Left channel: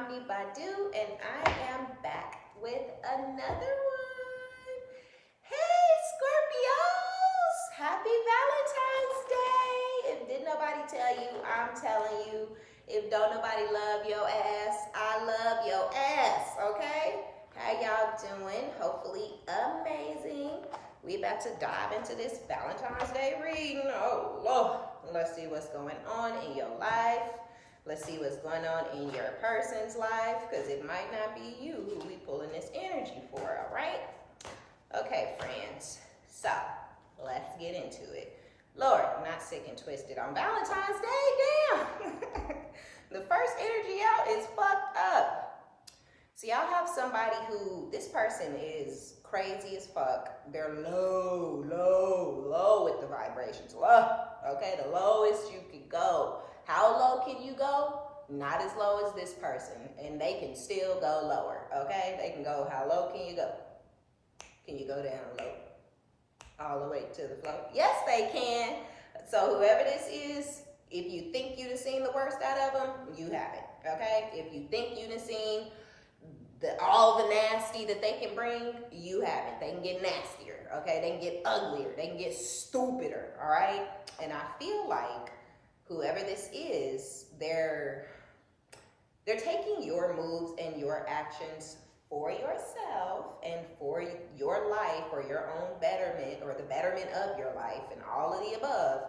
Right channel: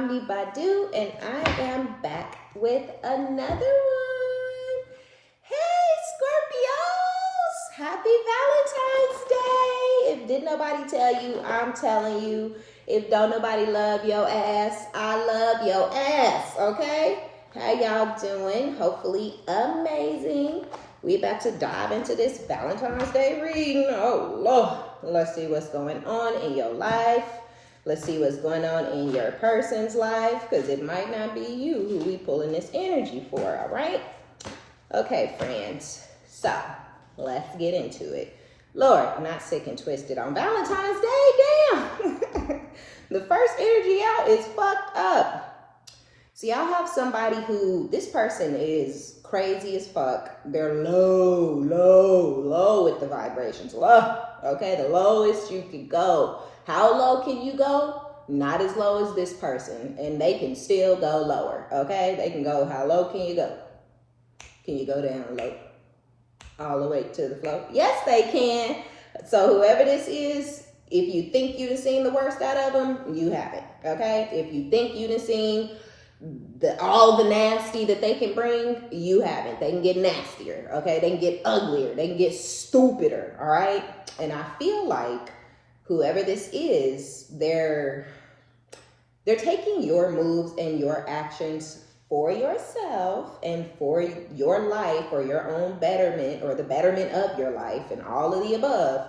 OmniBadu, and I am back with another one. Hey, Scorpios! Happy Valentine's Day! If did nobody tell you, I'm telling you. If don't nobody love your ass, I love your ass, okay? How y'all doing? Hopefully amazing. We about to dive into this Valentine's Day reading. Oh, Lord. Let's see what's going on in your life. Let's see what's going on in your person's life, because it might not be you who we pulling this energy for, all right? Okay, friends. So, let's get into it. Lord, not sick and twisted on Valentine's Day, damn. The first energy out is fucked up. So y'all have somebody who, this person is crazy as fuck. They're low with the vibrations. Low, okay? The lowest you could go. How low can you go? Not as low as this person. And they can still go lower, okay? They can go, how low can you go? Can you go down low? All the way to the floor? Yes, they can. So whoever this is, if you think you done seen the worst out of them, you haven't, okay? If you think you done seen all the nasty that they can bring, you haven't. They can get nastier, okay? They can get uglier. They can get stupider, all right? And I feel like whoever this is, they're taking your moves and your actions for yourself and for your life or your own betterment or the betterment of your life and all of the above.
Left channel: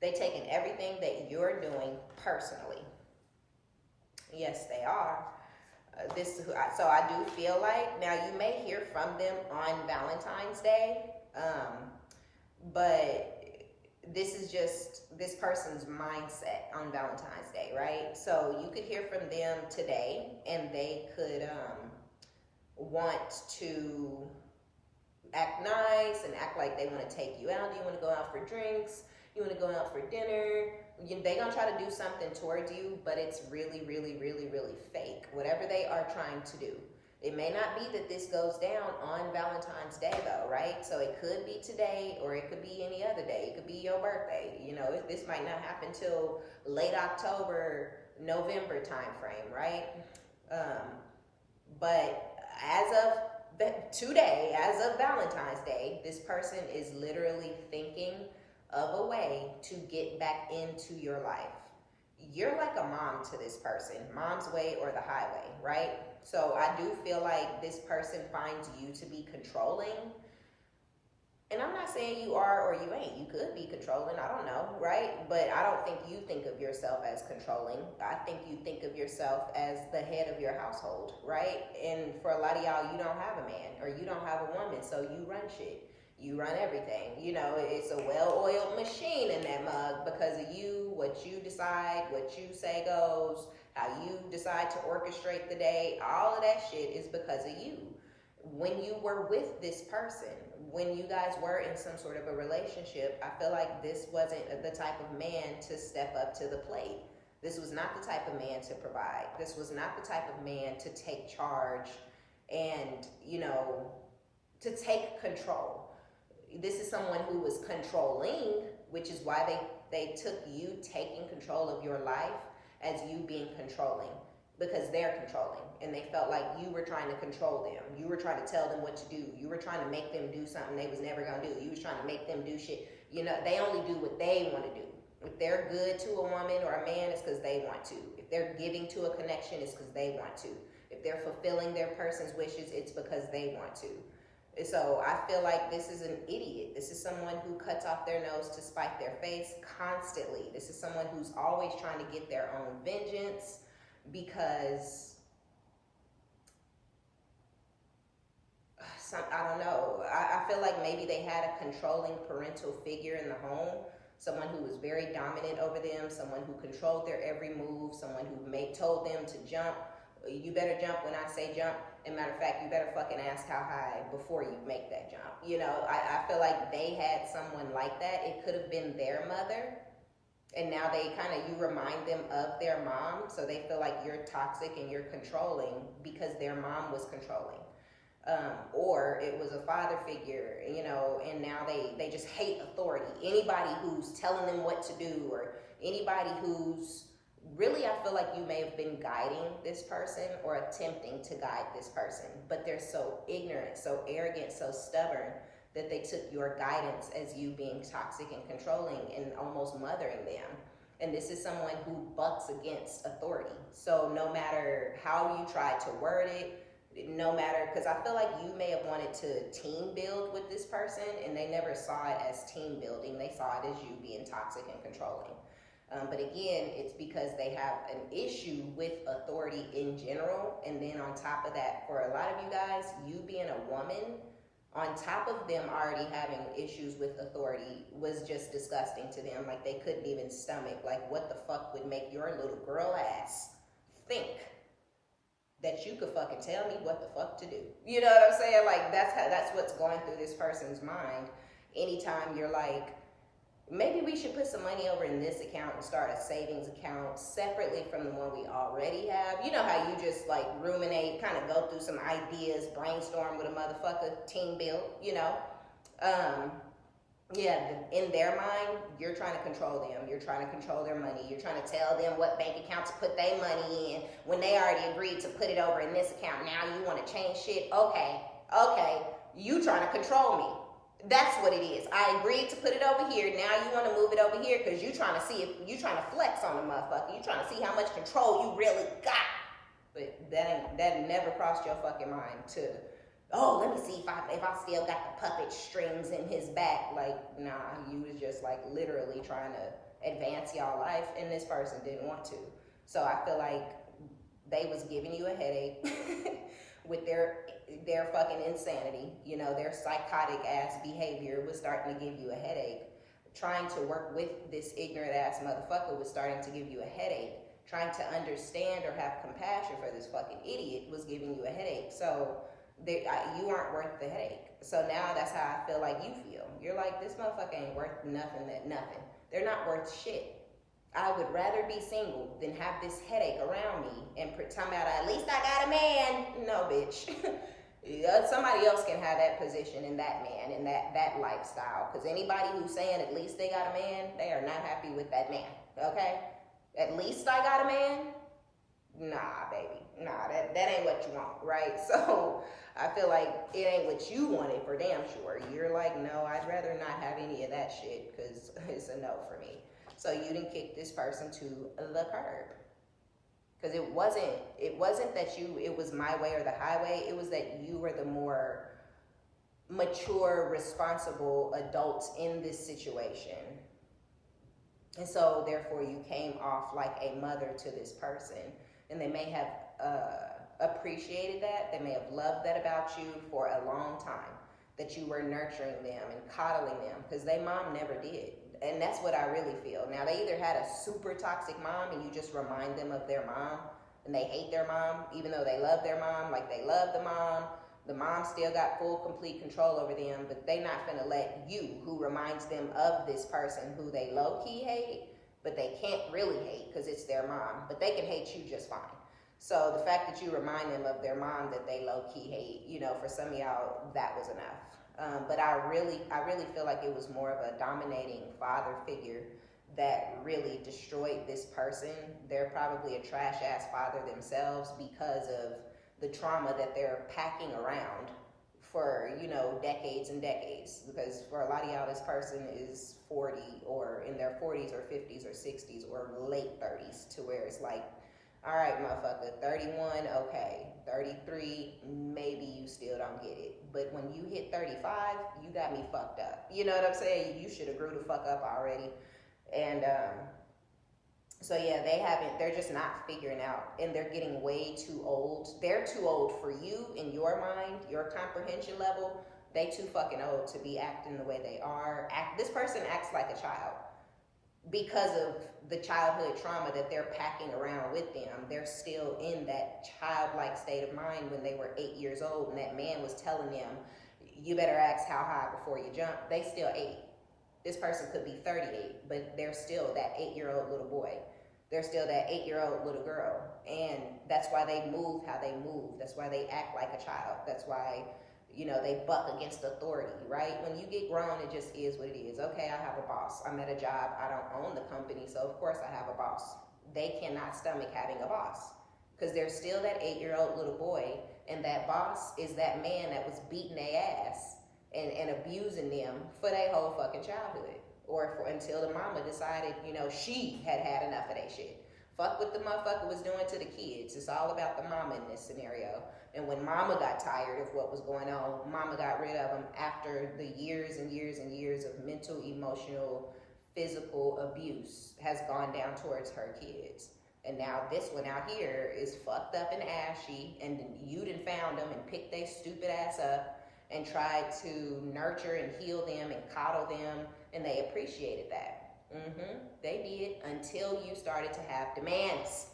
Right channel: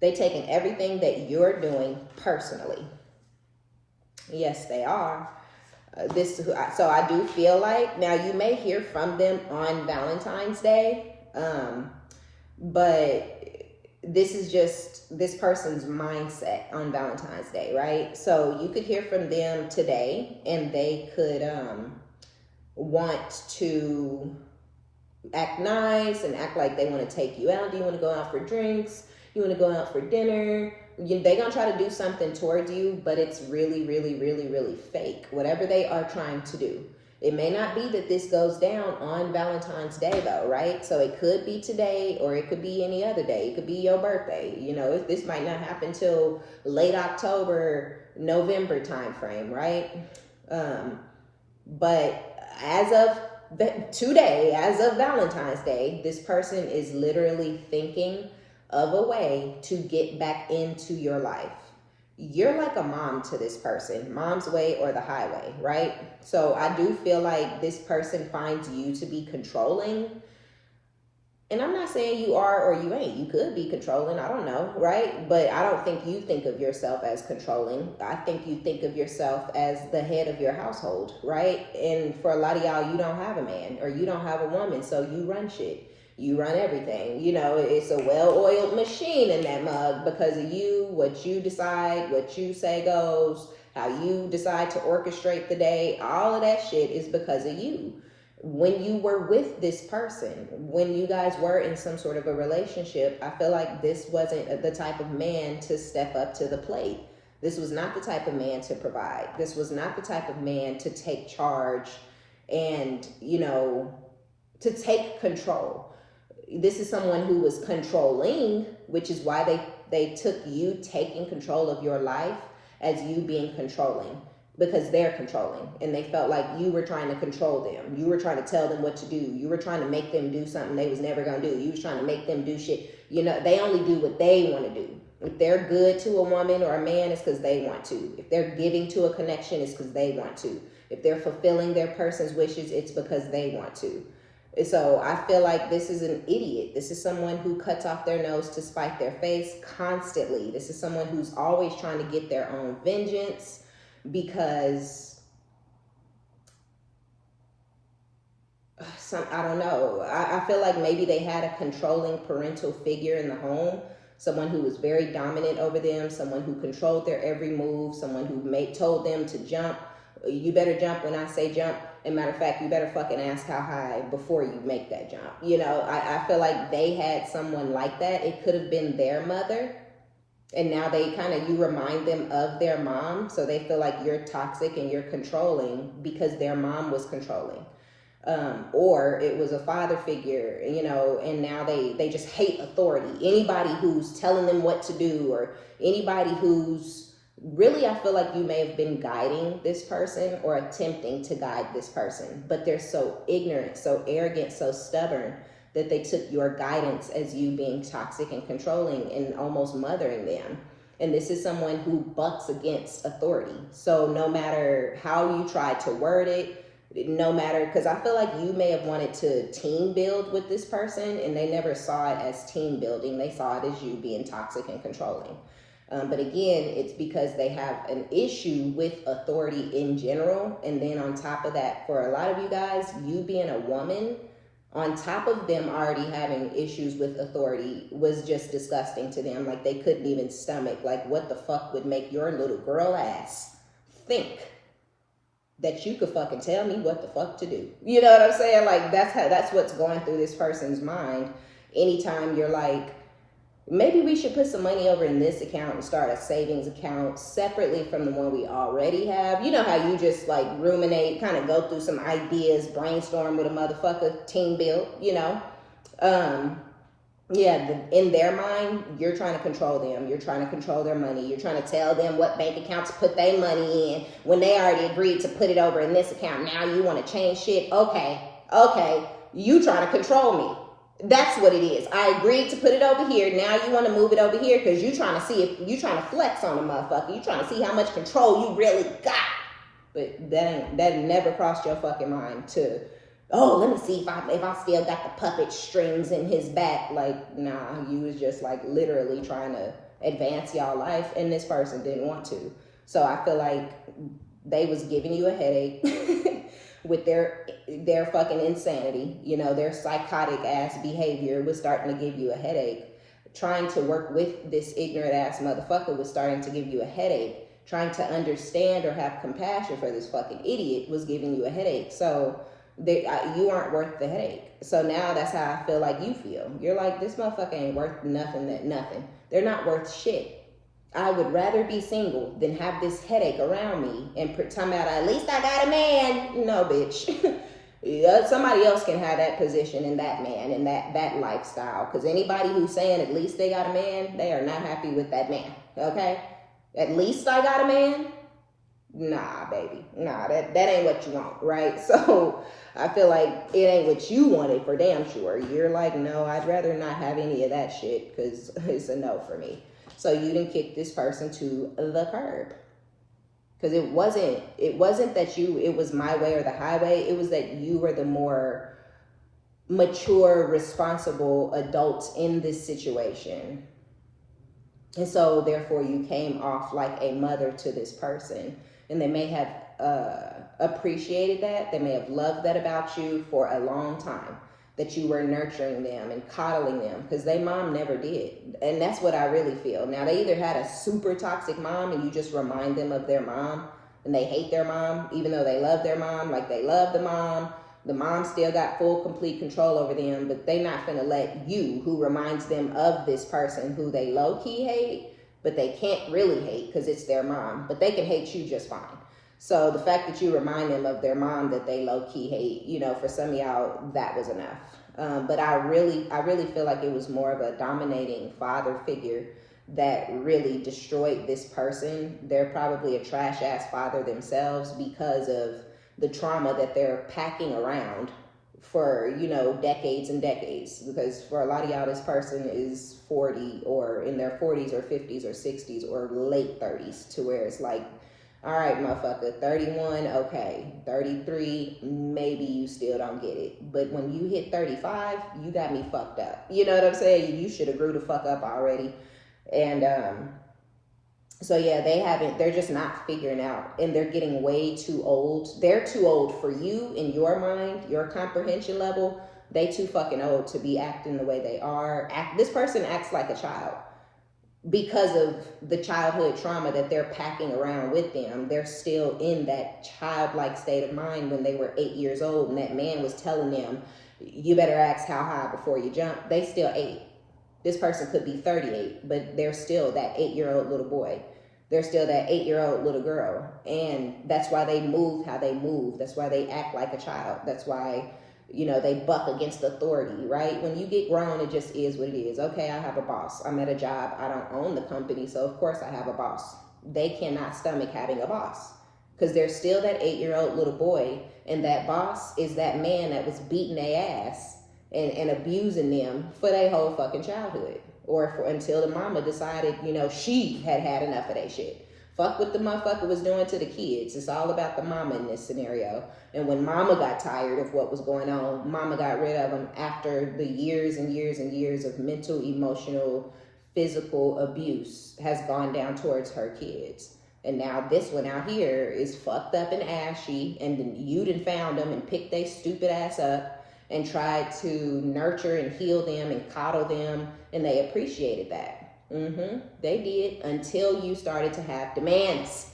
They're taking everything that you're doing personally. Yes, they are. So I do feel like, now you may hear from them on Valentine's Day, but this is just this person's mindset on Valentine's Day, right? So you could hear from them today and they could want to act nice and act like they want to take you out. Do you want to go out for drinks? You want to go out for dinner? They're going to try to do something towards you, but it's really, really, really, really fake. Whatever they are trying to do. It may not be that this goes down on Valentine's Day though, right? So it could be today or it could be any other day. It could be your birthday. You know, this might not happen till late October, November time frame, right? But as of today, as of Valentine's Day, this person is literally thinking of a way to get back into your life. You're like a mom to this person, mom's way or the highway, right? So I do feel like this person finds you to be controlling. And I'm not saying you are or you ain't. You could be controlling, I don't know, right? But I don't think you think of yourself as controlling. I think you think of yourself as the head of your household, right? And for a lot of y'all, you don't have a man or you don't have a woman, so you run shit. You run everything. You know, it's a well-oiled machine in that mug because of you, what you decide, what you say goes, how you decide to orchestrate the day. All of that shit is because of you. When you were with this person, when you guys were in some sort of a relationship, I feel like this wasn't the type of man to step up to the plate. This was not the type of man to provide. This was not the type of man to take charge and, you know, to take control. This is someone who was controlling, which is why they took you taking control of your life as you being controlling, because they're controlling and they felt like you were trying to control them. You were trying to tell them what to do. You were trying to make them do something they was never going to do. You was trying to make them do shit. You know, they only do what they want to do. If they're good to a woman or a man, it's because they want to. If they're giving to a connection, it's because they want to. If they're fulfilling their person's wishes, it's because they want to. So I feel like this is an idiot. This is someone who cuts off their nose to spite their face constantly. This is someone who's always trying to get their own vengeance because I don't know. I feel like maybe they had a controlling parental figure in the home, someone who was very dominant over them, someone who controlled their every move, someone who told them to jump. You better jump when I say jump. And matter of fact, you better fucking ask how high before you make that jump. You know, I feel like they had someone like that. It could have been their mother. And now they you remind them of their mom. So they feel like you're toxic and you're controlling because their mom was controlling. Or it was a father figure, you know, and now they just hate authority. Anybody who's telling them what to do or anybody who's Really, I feel like you may have been guiding this person or attempting to guide this person, but they're so ignorant, so arrogant, so stubborn that they took your guidance as you being toxic and controlling and almost mothering them. And this is someone who bucks against authority. So no matter how you try to word it, no matter, because I feel like you may have wanted to team build with this person and they never saw it as team building. They saw it as you being toxic and controlling. But again, it's because they have an issue with authority in general. And then on top of that, for a lot of you guys, you being a woman, on top of them already having issues with authority, was just disgusting to them. Like, they couldn't even stomach, like, what the fuck would make your little girl ass think that you could fucking tell me what the fuck to do? You know what I'm saying? Like, that's what's going through this person's mind anytime you're like, maybe we should put some money over in this account and start a savings account separately from the one we already have. You know how you just like ruminate, kind of go through some ideas, brainstorm with a motherfucker, team build, you know? In their mind, you're trying to control them. You're trying to control their money. You're trying to tell them what bank accounts to put their money in when they already agreed to put it over in this account. Now you want to change shit. Okay. You trying to control me. That's what it is. I agreed to put it over here. Now you want to move it over here because you trying to see if you trying to flex on the motherfucker. You trying to see how much control you really got. But that never crossed your fucking mind to, oh, let me see if I still got the puppet strings in his back. Like, nah, you was just like literally trying to advance y'all life, and this person didn't want to. So I feel like they was giving you a headache with their fucking insanity. You know, their psychotic ass behavior was starting to give you a headache. Trying to work with this ignorant ass motherfucker was starting to give you a headache. Trying to understand or have compassion for this fucking idiot was giving you a headache. So you aren't worth the headache. So now that's how I feel like you feel. You're like, this motherfucker ain't worth nothing. They're not worth shit. I would rather be single than have this headache around me and pretend about, at least I got a man. No, bitch. Somebody else can have that position and that man and that lifestyle. Because anybody who's saying at least they got a man, they are not happy with that man. Okay? At least I got a man? Nah, baby. Nah, that ain't what you want, right? So I feel like it ain't what you wanted for damn sure. You're like, no, I'd rather not have any of that shit because it's a no for me. So you didn't kick this person to the curb. Because it wasn't that it was my way or the highway. It was that you were the more mature, responsible adults in this situation. And so therefore you came off like a mother to this person. And they may have appreciated that. They may have loved that about you for a long time. That you were nurturing them and coddling them, because their mom never did. And that's what I really feel. Now, they either had a super toxic mom and you just remind them of their mom and they hate their mom, even though they love their mom, like they love the mom. The mom still got full, complete control over them, but they not finna let you, who reminds them of this person who they low-key hate, but they can't really hate because it's their mom, but they can hate you just fine. So the fact that you remind them of their mom that they low-key hate, you know, for some of y'all, that was enough. But I really feel like it was more of a dominating father figure that really destroyed this person. They're probably a trash-ass father themselves because of the trauma that they're packing around for, you know, decades and decades. Because for a lot of y'all, this person is 40 or in their 40s or 50s or 60s or late 30s, to where it's like, all right, motherfucker, 31, okay. 33, maybe you still don't get it. But when you hit 35, you got me fucked up. You know what I'm saying? You should have grew the fuck up already. And so yeah, they're just not figuring out, and they're getting way too old. They're too old for you in your mind, your comprehension level. They too fucking old to be acting the way they are. This person acts like a child. Because of the childhood trauma that they're packing around with them, they're still in that childlike state of mind when they were 8 years old and that man was telling them, you better ask how high before you jump. They still 8. This person could be 38, but they're still that 8-year-old little boy. They're still that 8-year-old little girl. And that's why they move how they move. That's why they act like a child. That's why, you know, they buck against authority, right? When you get grown, it just is what it is. Okay, I have a boss. I'm at a job. I don't own the company, so of course I have a boss. They cannot stomach having a boss because they're still that 8-year-old little boy, and that boss is that man that was beating their ass and abusing them for their whole fucking childhood, or for until the mama decided, you know, she had had enough of that shit. Fuck what the motherfucker was doing to the kids. It's all about the mama in this scenario. And when mama got tired of what was going on, mama got rid of him after the years and years and years of mental, emotional, physical abuse has gone down towards her kids. And now this one out here is fucked up and ashy, and then you done found them and picked they stupid ass up and tried to nurture and heal them and coddle them, and they appreciated that. They did, until you started to have demands,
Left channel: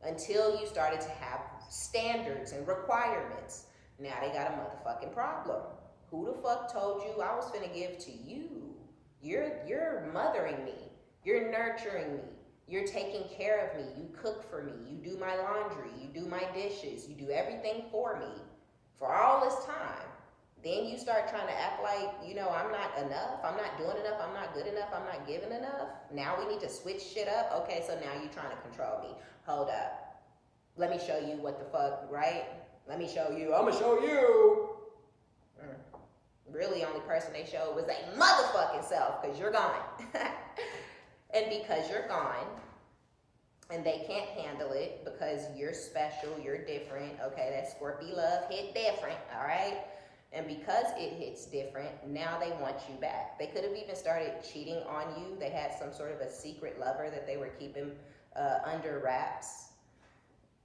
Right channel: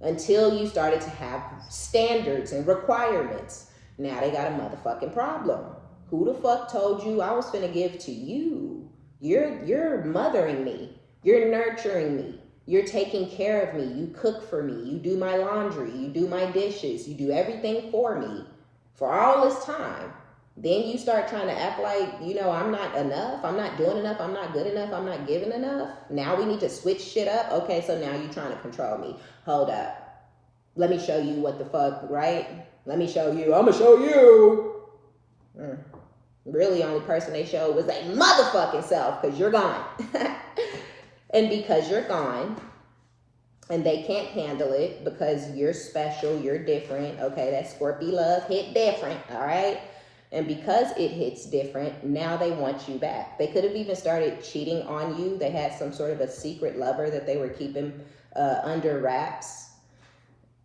until you started to have standards and requirements. Now they got a motherfucking problem. Who the fuck told you I was finna give to you? You're mothering me. You're nurturing me. You're taking care of me. You cook for me. You do my laundry. You do my dishes. You do everything for me for all this time. Then you start trying to act like, you know, I'm not enough. I'm not doing enough. I'm not good enough. I'm not giving enough. Now we need to switch shit up. Okay, so now you're trying to control me. Hold up. Let me show you what the fuck, right? Let me show you. I'm going to show you. Really, only person they showed was a motherfucking self, because you're gone. And because you're gone, and they can't handle it because you're special, you're different. Okay, that Scorpio love hit different, all right? And because it hits different, now they want you back. They could have even started cheating on you. They had some sort of a secret lover that they were keeping under wraps.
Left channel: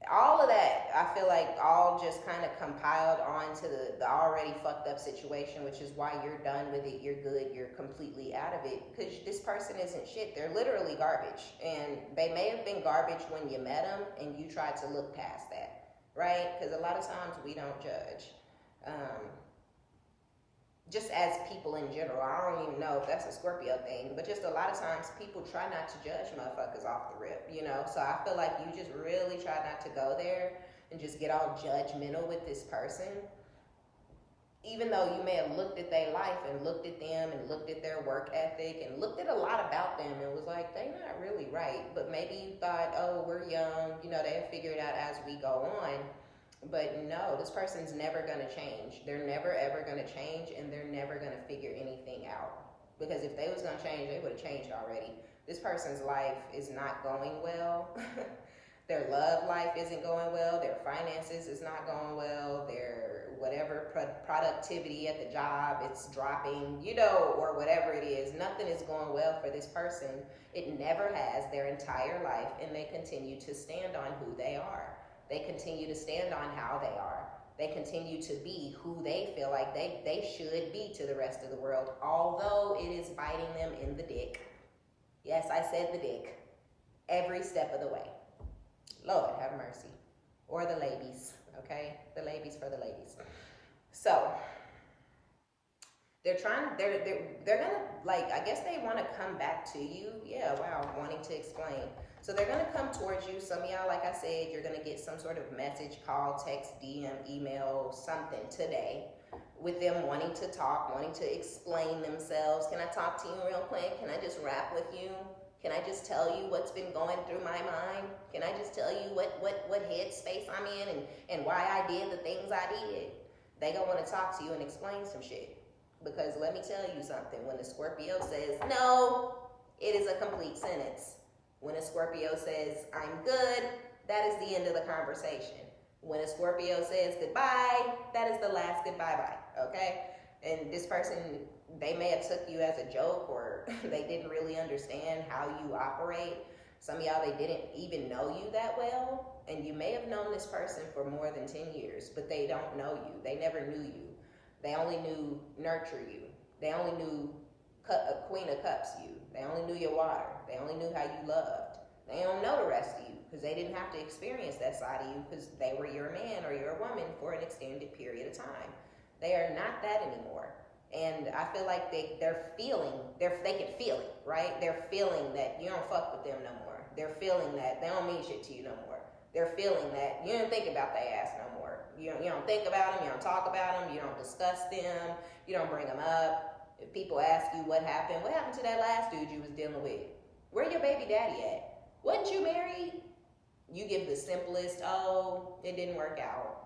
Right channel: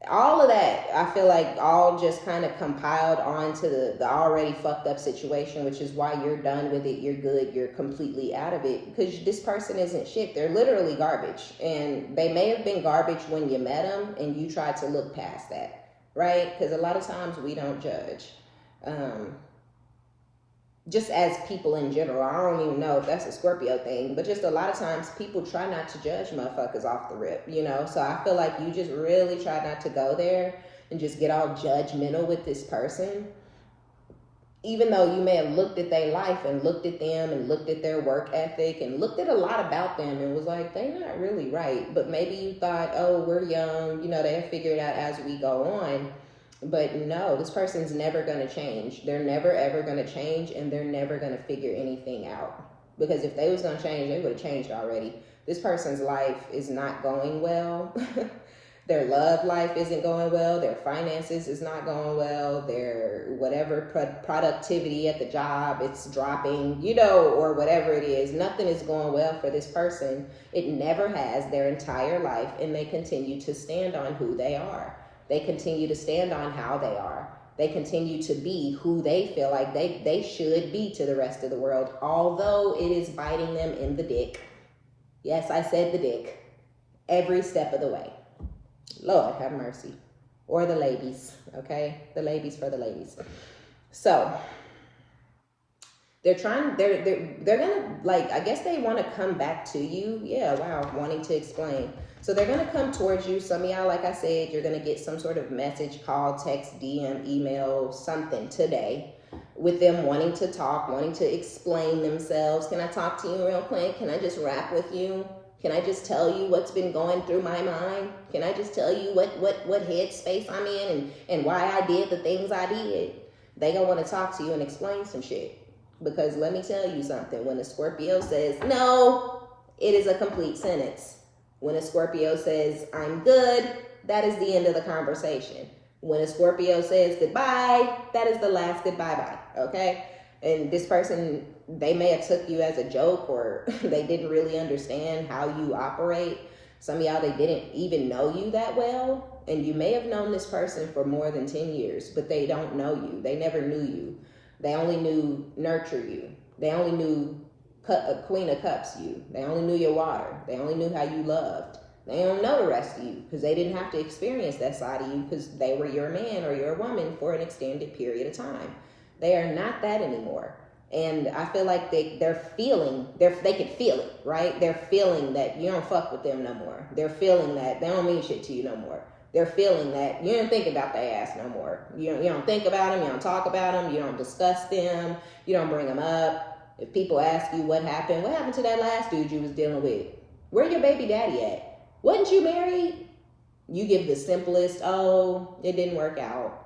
All of that, I feel like, all just kind of compiled onto the already fucked up situation, which is why you're done with it. You're good. You're completely out of it, because this person isn't shit. They're literally garbage. And they may have been garbage when you met them and you tried to look past that, right? Because a lot of times we don't judge. Just as people in general, I don't even know if that's a Scorpio thing, but just a lot of times people try not to judge motherfuckers off the rip, you know? So I feel like you just really try not to go there and just get all judgmental with this person. Even though you may have looked at their life and looked at them and looked at their work ethic and looked at a lot about them and was like, they're not really right. But maybe you thought, oh, we're young, you know, they'll figure it out as we go on. But no, this person's never going to change. They're never, ever going to change, and they're never going to figure anything out. Because if they was going to change, they would have changed already. This person's life is not going well. Their love life isn't going well. Their finances is not going well. Their whatever productivity at the job, it's dropping, you know, or whatever it is. Nothing is going well for this person. It never has their entire life, and they continue to stand on who they are. They continue to stand on how they are. They continue to be who they feel like they should be to the rest of the world, although it is biting them in the dick. Yes, I said the dick. Every step of the way. Lord have mercy. Or the ladies, okay? The ladies for the ladies. So they're gonna, like, I guess they want to come back to you. Yeah, wow, wanting to explain. So they're going to come towards you. Some of y'all, like I said, you're going to get some sort of message, call, text, DM, email, something today with them wanting to talk, wanting to explain themselves. Can I talk to you real quick? Can I just rap with you? Can I just tell you what's been going through my mind? Can I just tell you what headspace I'm in and why I did the things I did? They going to want to talk to you and explain some shit. Because let me tell you something. When a Scorpio says no, it is a complete sentence. When a Scorpio says, I'm good, that is the end of the conversation. When a Scorpio says goodbye, that is the last goodbye-bye, okay? And this person, they may have took you as a joke, or they didn't really understand how you operate. Some of y'all, they didn't even know you that well, and you may have known this person for more than 10 years, but they don't know you. They never knew you. They only knew nurture you. They only knew Queen of Cups you. They only knew your water. They only knew how you loved. They don't know the rest of you because they didn't have to experience that side of you because they were your man or your woman for an extended period of time. They are not that anymore. And I feel like they can feel it, right? They're feeling that you don't fuck with them no more. They're feeling that they don't mean shit to you no more. They're feeling that you don't think about their ass no more. You don't think about them. You don't talk about them. You don't discuss them. You don't bring them up. If people ask you what happened to that last dude you was dealing with? Where your baby daddy at? Wasn't you married? You give the simplest, oh, it didn't work out.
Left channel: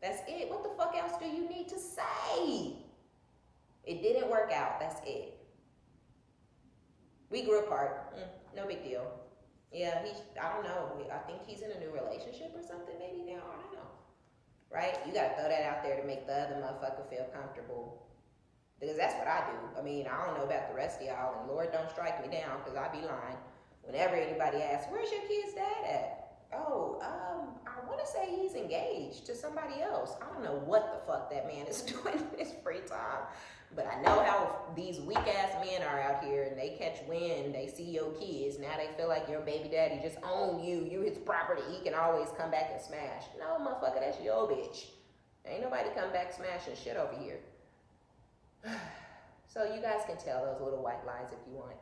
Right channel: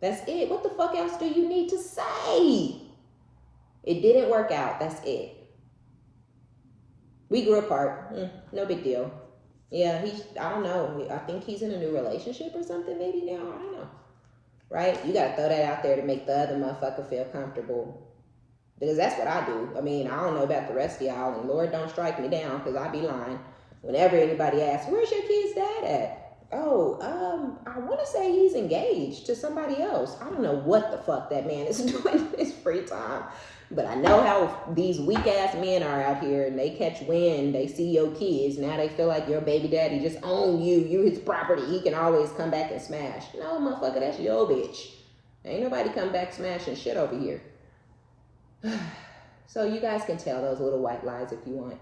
That's it. What the fuck else do you need to say? It didn't work out. That's it. We grew apart. No big deal. Yeah, I don't know. I think he's in a new relationship or something maybe now. I don't know. Right? You got to throw that out there to make the other motherfucker feel comfortable. Because that's what I do. I mean, I don't know about the rest of y'all, and Lord don't strike me down because I be lying. Whenever anybody asks, where's your kid's dad at? Oh, I want to say he's engaged to somebody else. I don't know what the fuck that man is doing in his free time. But I know how these weak-ass men are out here, and they catch wind, they see your kids. Now they feel like your baby daddy just own you. You his property. He can always come back and smash. No, motherfucker, that's your bitch. Ain't nobody come back smashing shit over here. So you guys can tell those little white lies if you want.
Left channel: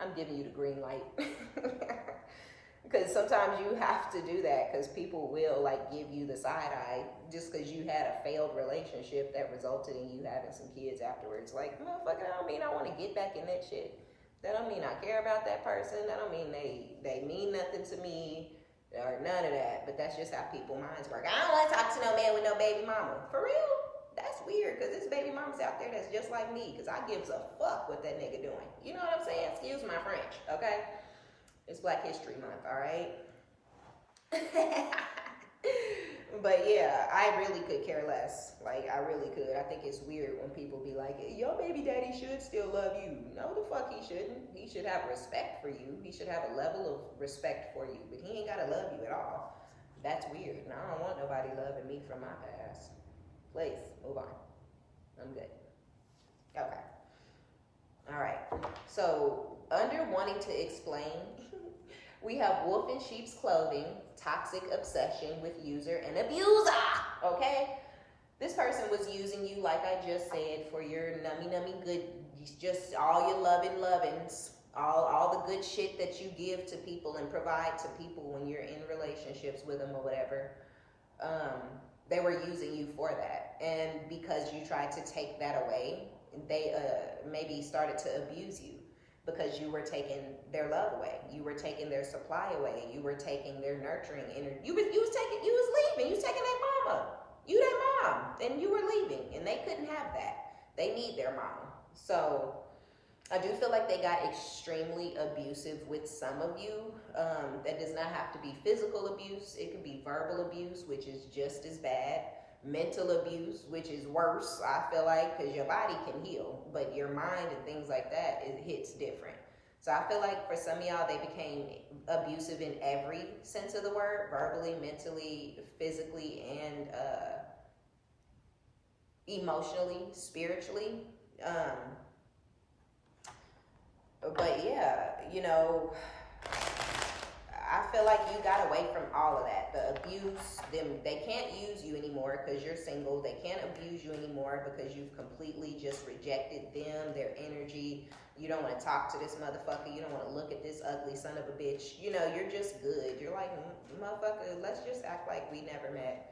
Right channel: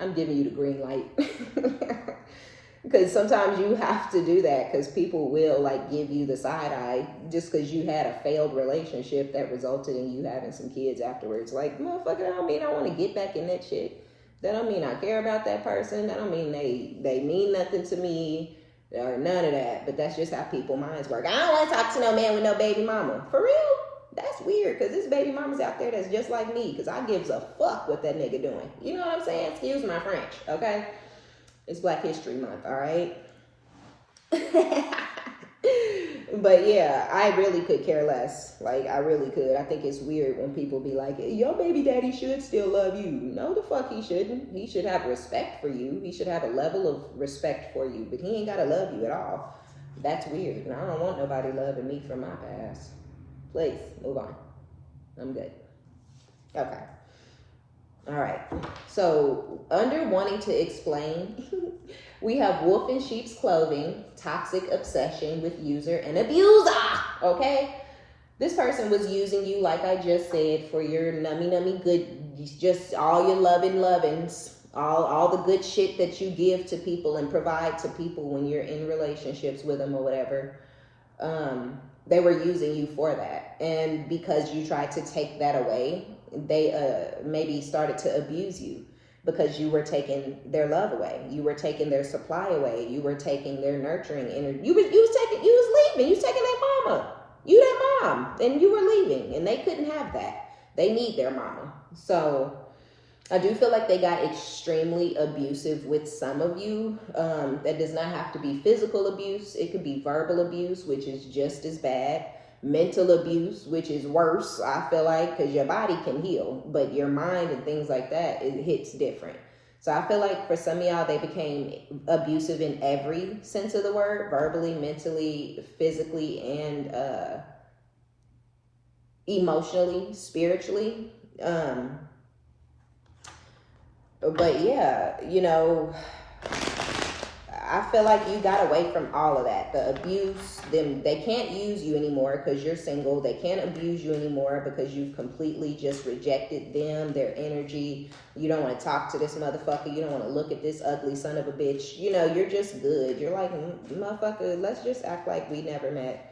I'm giving you the green light. Because sometimes you have to do that because people will like give you the side eye just because you had a failed relationship that resulted in you having some kids afterwards. Like, motherfucker, that don't mean I want to get back in that shit. That don't mean I care about that person. That don't mean they mean nothing to me or none of that. But that's just how people's minds work. I don't want to talk to no man with no baby mama. For real? That's weird because there's baby mamas out there that's just like me because I gives a fuck what that nigga doing. You know what I'm saying? Excuse my French, okay? It's Black History Month, all right? But yeah, I really could care less. Like, I really could. I think it's weird when people be like, your baby daddy should still love you. No, the fuck he shouldn't. He should have respect for you. He should have a level of respect for you, but he ain't got to love you at all. That's weird. And I don't want nobody loving me from my past. Please, move on. I'm good. Okay. All right. So, under wanting to explain, we have wolf in sheep's clothing, toxic obsession with user and abuser. Okay? This person was using you, like I just said, for your nummy good, just all your lovins, all the good shit that you give to people and provide to people when you're in relationships with them or whatever. They were using you for that. And because you tried to take that away, they maybe started to abuse you because you were taking their love away. You were taking their supply away. You were taking their nurturing energy. You was leaving. You was taking their mama. You their mom. And you were leaving. And they couldn't have that. They need their mama. So I do feel like they got extremely abusive with some of you. That does not have to be physical abuse. It could be verbal abuse, which is just as bad. Mental abuse, which is worse, I feel like, because your body can heal, but your mind and things like that, it hits different. So I feel like for some of y'all, they became abusive in every sense of the word, verbally, mentally, physically, and emotionally, spiritually. But yeah, you know, I feel like you got away from all of that. The abuse, they can't use you anymore because you're single. They can't abuse you anymore because you've completely just rejected them, their energy. You don't want to talk to this motherfucker. You don't want to look at this ugly son of a bitch. You know, you're just good. You're like, motherfucker, let's just act like we never met.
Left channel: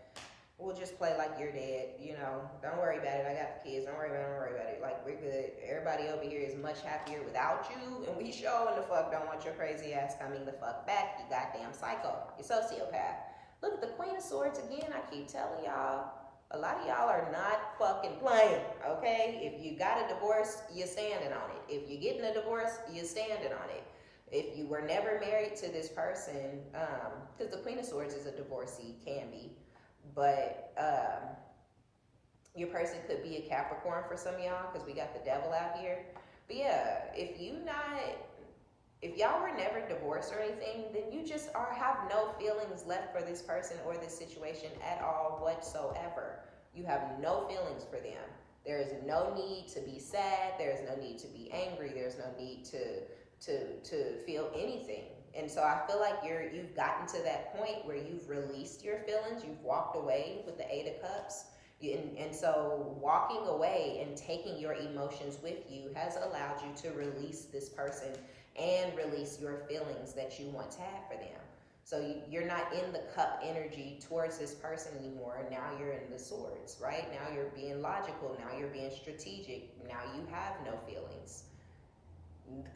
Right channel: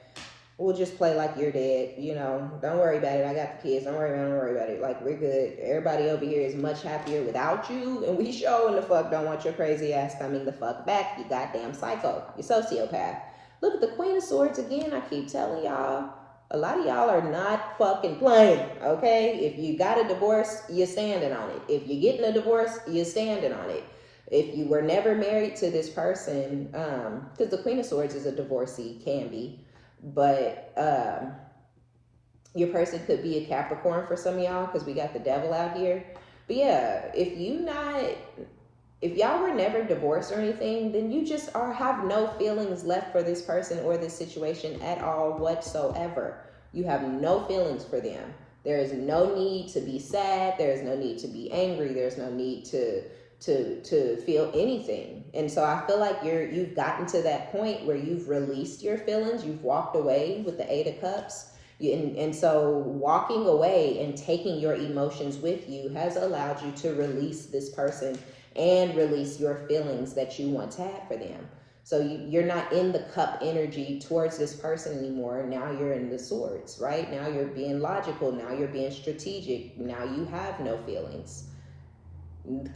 We'll just play like you're dead, you know. Don't worry about it. I got the kids. Don't worry about it. Like, we're good. Everybody over here is much happier without you. And we sure in the fuck don't want your crazy ass coming the fuck back. You goddamn psycho. You sociopath. Look at the Queen of Swords again. I keep telling y'all. A lot of y'all are not fucking playing, okay? If you got a divorce, you're standing on it. If you're getting a divorce, you're standing on it. If you were never married to this person, because the Queen of Swords is a divorcee, can be. But your person could be a Capricorn for some of y'all because we got the devil out here. But yeah, if y'all were never divorced or anything, then you just have no feelings left for this person or this situation at all whatsoever. You have no feelings for them. There is no need to be sad. There is no need to be angry. There's no need to feel anything. And so I feel like you've gotten to that point where you've released your feelings. You've walked away with the 8 of Cups. And so walking away and taking your emotions with you has allowed you to release this person and release your feelings that you once had for them. So you're not in the cup energy towards this person anymore. Now you're in the swords, right? Now you're being logical. Now you're being strategic. Now you have no feelings.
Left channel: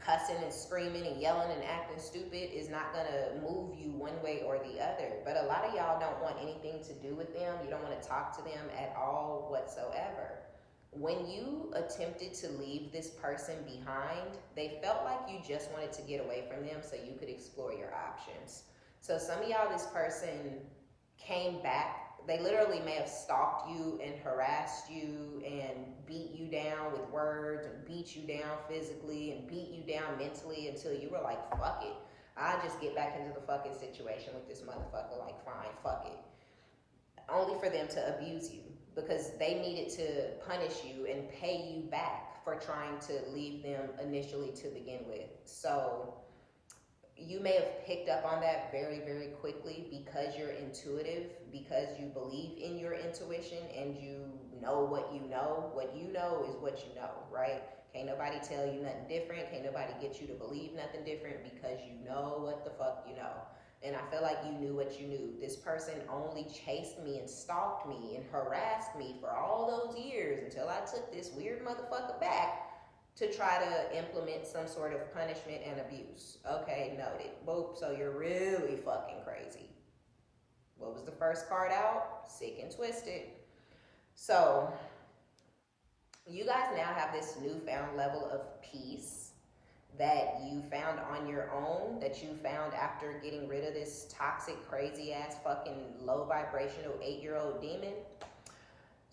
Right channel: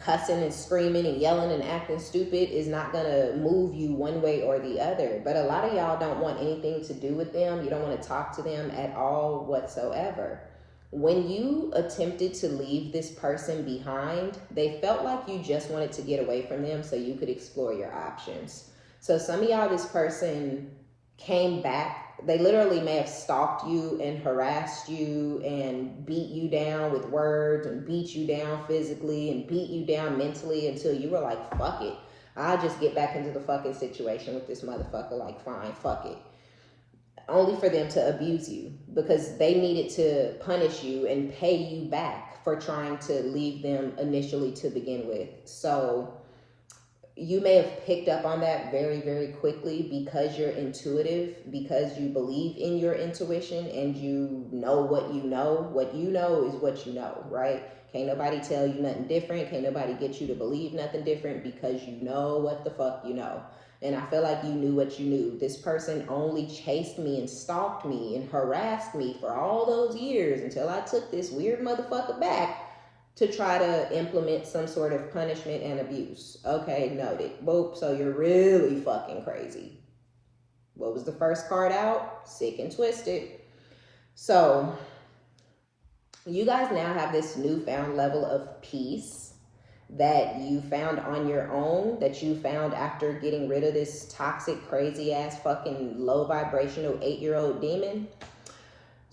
cussing and screaming and yelling and acting stupid is not gonna move you one way or the other. But a lot of y'all don't want anything to do with them. You don't want to talk to them at all whatsoever. When you attempted to leave this person behind, they felt like you just wanted to get away from them so you could explore your options. So some of y'all, this person came back. They literally may have stalked you and harassed you and beat you down with words and beat you down physically and beat you down mentally until you were like, fuck it. I'll just get back into the fucking situation with this motherfucker. Like, fine, fuck it. Only for them to abuse you because they needed to punish you and pay you back for trying to leave them initially to begin with. So you may have picked up on that very, very quickly because you're intuitive, because you believe in your intuition and you know what you know. What you know is what you know, right? Can't nobody tell you nothing different. Can't nobody get you to believe nothing different because you know what the fuck you know. And I feel like you knew what you knew. This person only chased me and stalked me and harassed me for all those years until I took this weird motherfucker back to try to implement some sort of punishment and abuse. Okay, noted. Boop, so you're really fucking crazy. What was the first card out? Sick and twisted. So you guys now have this newfound level of peace that you found on your own, that you found after getting rid of this toxic, crazy ass, fucking low vibrational 8-year-old demon.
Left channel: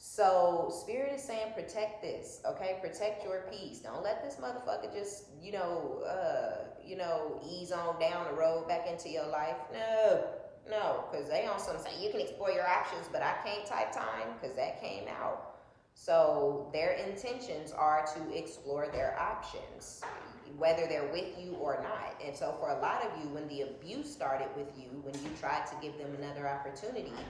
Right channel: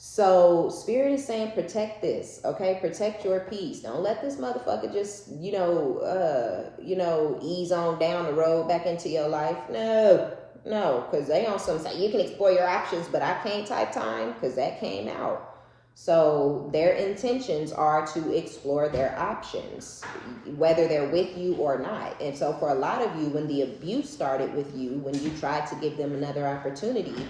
So Spirit is saying, protect this, okay? Protect your peace. Don't let this motherfucker just, ease on down the road back into your life. No, because they on some say you can explore your options, but I can't type time because that came out. So their intentions are to explore their options, whether they're with you or not. And so for a lot of you, when the abuse started with you, when you tried to give them another opportunity,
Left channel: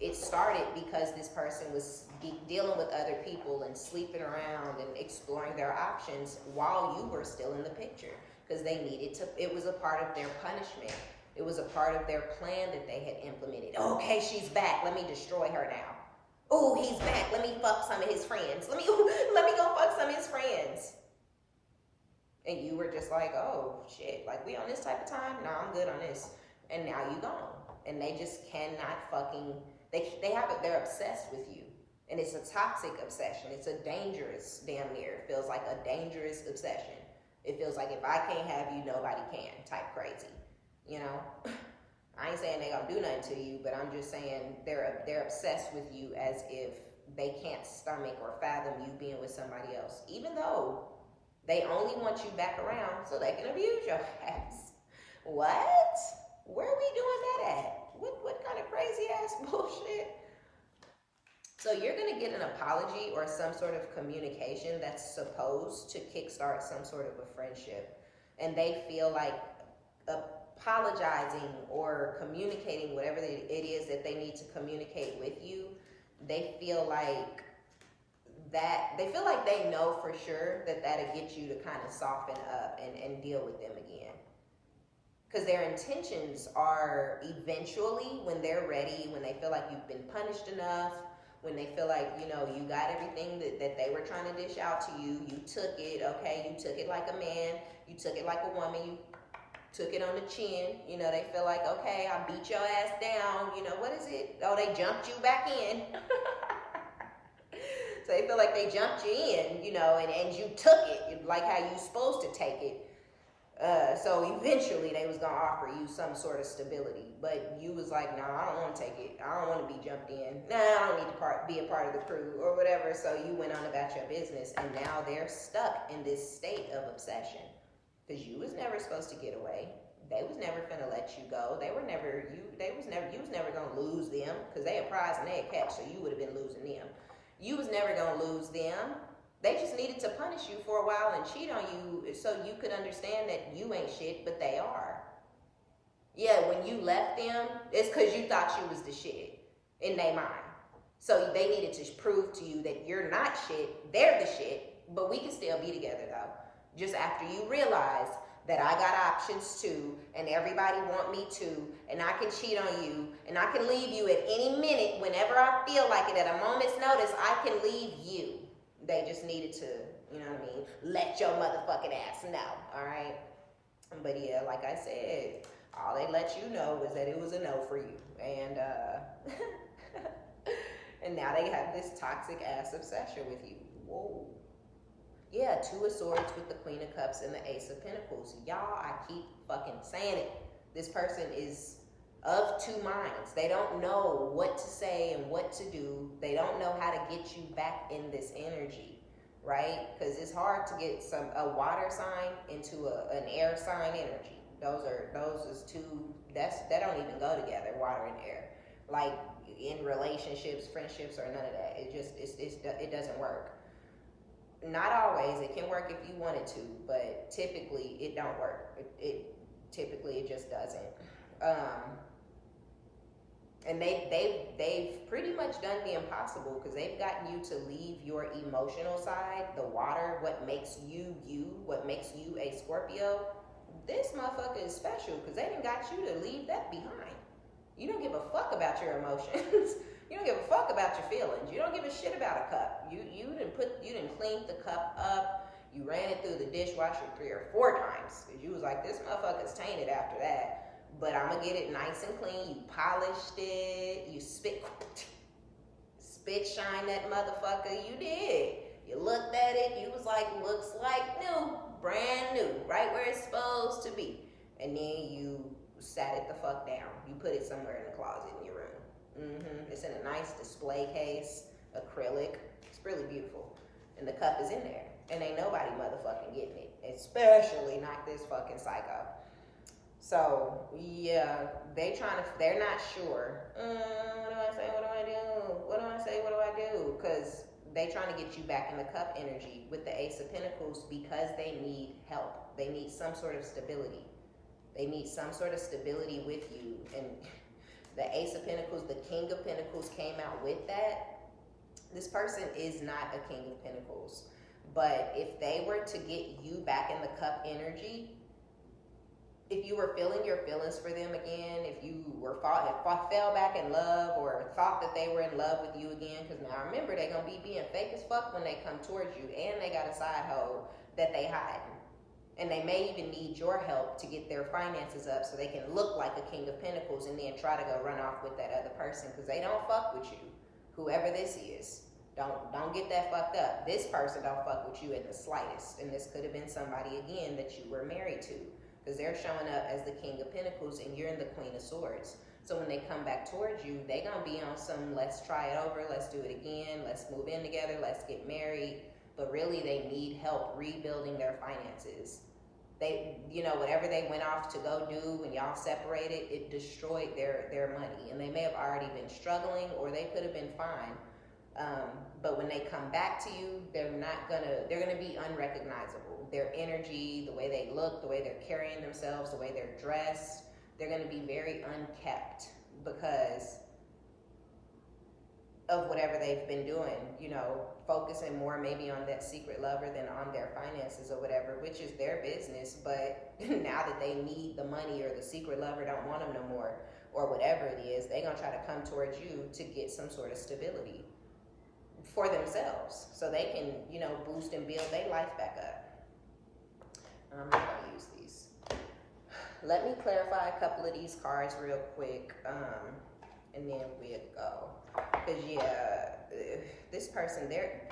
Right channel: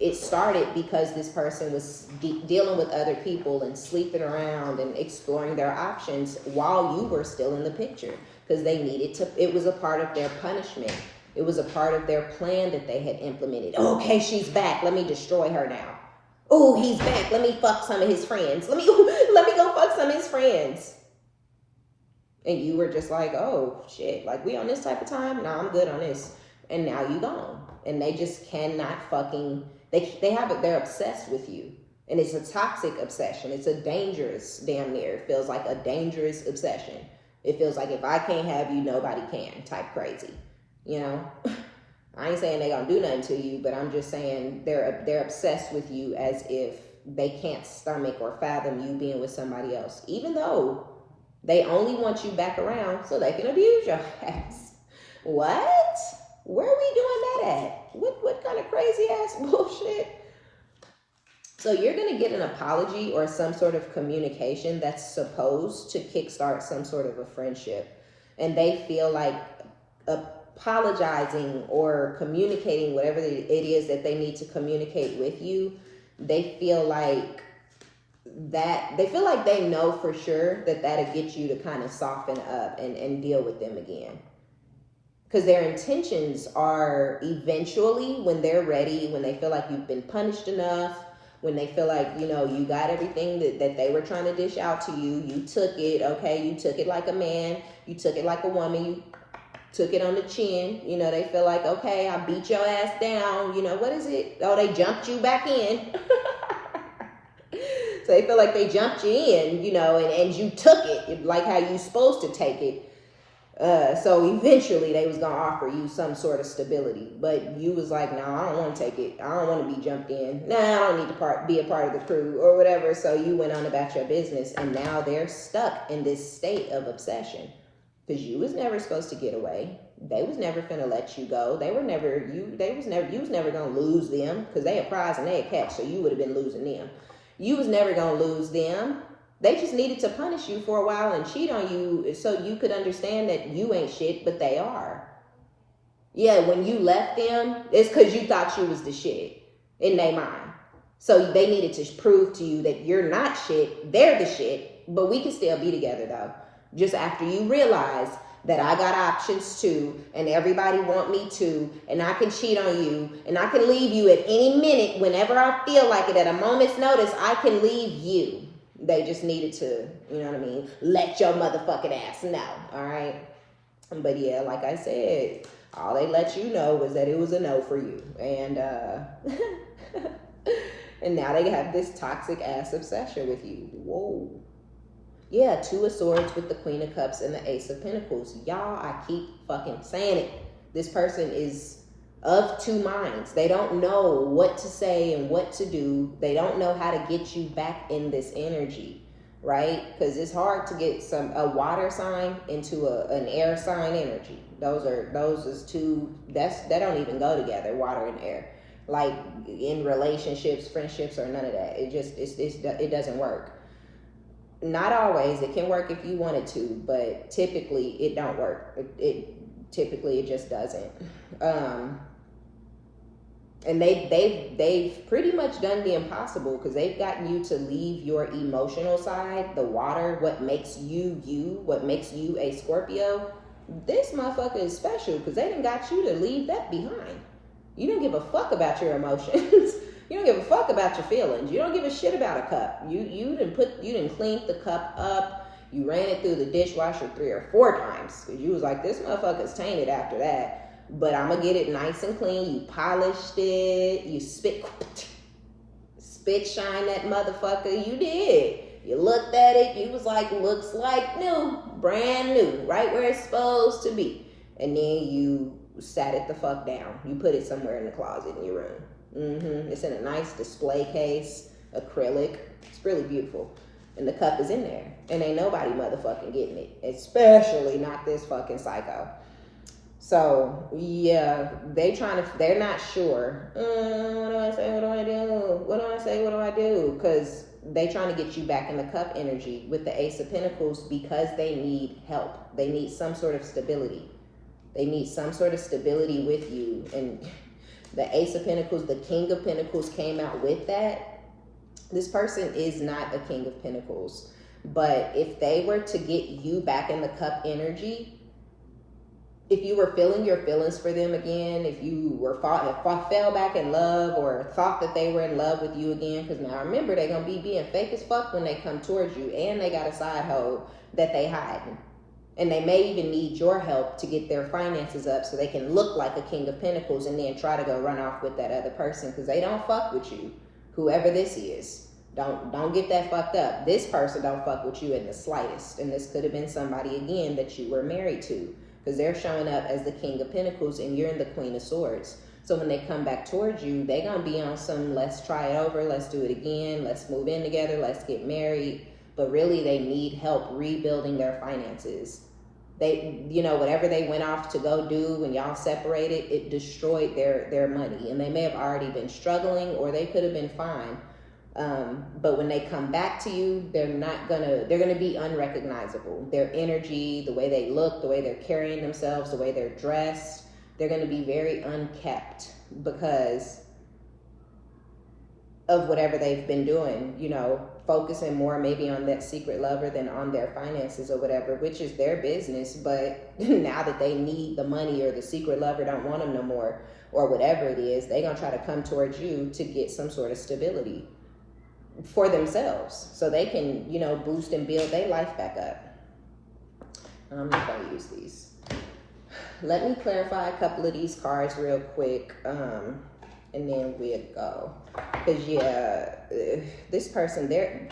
it started because this person was dealing with other people and sleeping around and exploring their options while you were still in the picture, because they needed to. It was a part of their punishment. It was a part of their plan that they had implemented. Okay, she's back. Let me destroy her now. Oh, he's back. Let me fuck some of his friends. Let me go fuck some of his friends. And you were just like, oh shit, like we on this type of time? Nah, I'm good on this. And now you gone. And they just cannot fucking. They're obsessed with you. And it's a toxic obsession. It's a dangerous, damn near. It feels like a dangerous obsession. It feels like if I can't have you, nobody can type crazy. You know? I ain't saying they gonna do nothing to you, but I'm just saying they're obsessed with you as if they can't stomach or fathom you being with somebody else. Even though they only want you back around so they can abuse your ass. What? Where are we doing that at? What kind of crazy ass bullshit? So you're going to get an apology or some sort of communication that's supposed to kickstart some sort of a friendship. And they feel like apologizing or communicating whatever it is that they need to communicate with you. They feel like they know for sure that that'll get you to kind of soften up and deal with them again. Because their intentions are eventually, when they're ready, when they feel like you've been punished enough, when they feel like, you got everything that they were trying to dish out to you, you took it, okay? You took it like a man, you took it like a woman, you took it on the chin. They feel like, okay, I beat your ass down. What is it? Oh, they jumped you back in. So they feel like they jumped you in, and you took it like how you supposed to take it. So eventually they was gonna offer you some sort of stability, but you was like, no, I don't want to take it. I don't want to be jumped in. Nah, I don't need to be a part of the crew or whatever. So you went on about your business, and now they're stuck in this state of obsession because you was never supposed to get away. They was never finna let you go. You was never gonna lose them because they a prize and they a catch. So you would have been losing them. You was never gonna lose them. They just needed to punish you for a while and cheat on you so you could understand that you ain't shit, but they are. Yeah, when you left them, it's because you thought you was the shit in their mind. So they needed to prove to you that you're not shit, they're the shit, but we can still be together though. Just after you realize that I got options too, and everybody want me too, and I can cheat on you, and I can leave you at any minute whenever I feel like it. At a moment's notice, I can leave you. They just needed to, you know what I mean, let your motherfucking ass know, all right? But yeah, like I said, all they let you know was that it was a no for you. And and now they have this toxic ass obsession with you. Whoa. Yeah, Two of Swords with the Queen of Cups and the Ace of Pentacles. Y'all, I keep fucking saying it. This person is of two minds. They don't know what to say and what to do. They don't know how to get you back in this energy, right? Because it's hard to get a water sign into an air sign energy. Those is two, that don't even go together, water and air. Like in relationships, friendships, or none of that. It doesn't work. Not always. It can work if you wanted to, but typically it don't work. Typically it just doesn't. And they've pretty much done the impossible, because they've gotten you to leave your emotional side, the water, what makes you you, what makes you a Scorpio. This motherfucker is special because they done got you to leave that behind. You don't give a fuck about your emotions. You don't give a fuck about your feelings. You don't give a shit about a cup. You didn't clean the cup up. You ran it through the dishwasher 3 or 4 times because you was like, this motherfucker's tainted after that. But I'm gonna get it nice and clean. You polished it. You spit shine that motherfucker. You did. You looked at it. You was like, looks like new, brand new, right where it's supposed to be. And then you sat it the fuck down. You put it somewhere in the closet in your room. It's in a nice display case, acrylic. It's really beautiful. And the cup is in there. And ain't nobody motherfucking getting it. Especially not this fucking psycho. So, yeah, they're not sure. What do I say? What do I do? What do I say? What do I do? Because they trying to get you back in the cup energy with the Ace of Pentacles, because they need help. They need some sort of stability. They need some sort of stability with you. And the Ace of Pentacles, the King of Pentacles came out with that. This person is not a King of Pentacles. But if they were to get you back in the cup energy, if you were feeling your feelings for them again, if you fell back in love or thought that they were in love with you again, because now remember, they're going to be being fake as fuck when they come towards you, and they got a side hoe that they hiding. And they may even need your help to get their finances up so they can look like a King of Pentacles and then try to go run off with that other person, because they don't fuck with you. Whoever this is, don't get that fucked up. This person don't fuck with you in the slightest. And this could have been somebody, again, that you were married to, because they're showing up as the King of Pentacles and you're in the Queen of Swords. So when they come back towards you, they're going to be on some, let's try it over, let's do it again, let's move in together, let's get married. But really, they need help rebuilding their finances. They, whatever they went off to go do when y'all separated, it destroyed their money. And they may have already been struggling, or they could have been fine. But when they come back to you, they're gonna be unrecognizable. Their energy, the way they look, the way they're carrying themselves, the way they're dressed, they're gonna be very unkept because of whatever they've been doing, focusing more maybe on that secret lover than on their finances or whatever, which is their business. But now that they need the money, or the secret lover don't want them no more, or whatever it is, they're gonna try to come towards you to get some sort of stability for themselves, so they can, boost and build their life back up. I'm not gonna use these. Let me clarify a couple of these cards real quick, and then we'll go. Because this person, their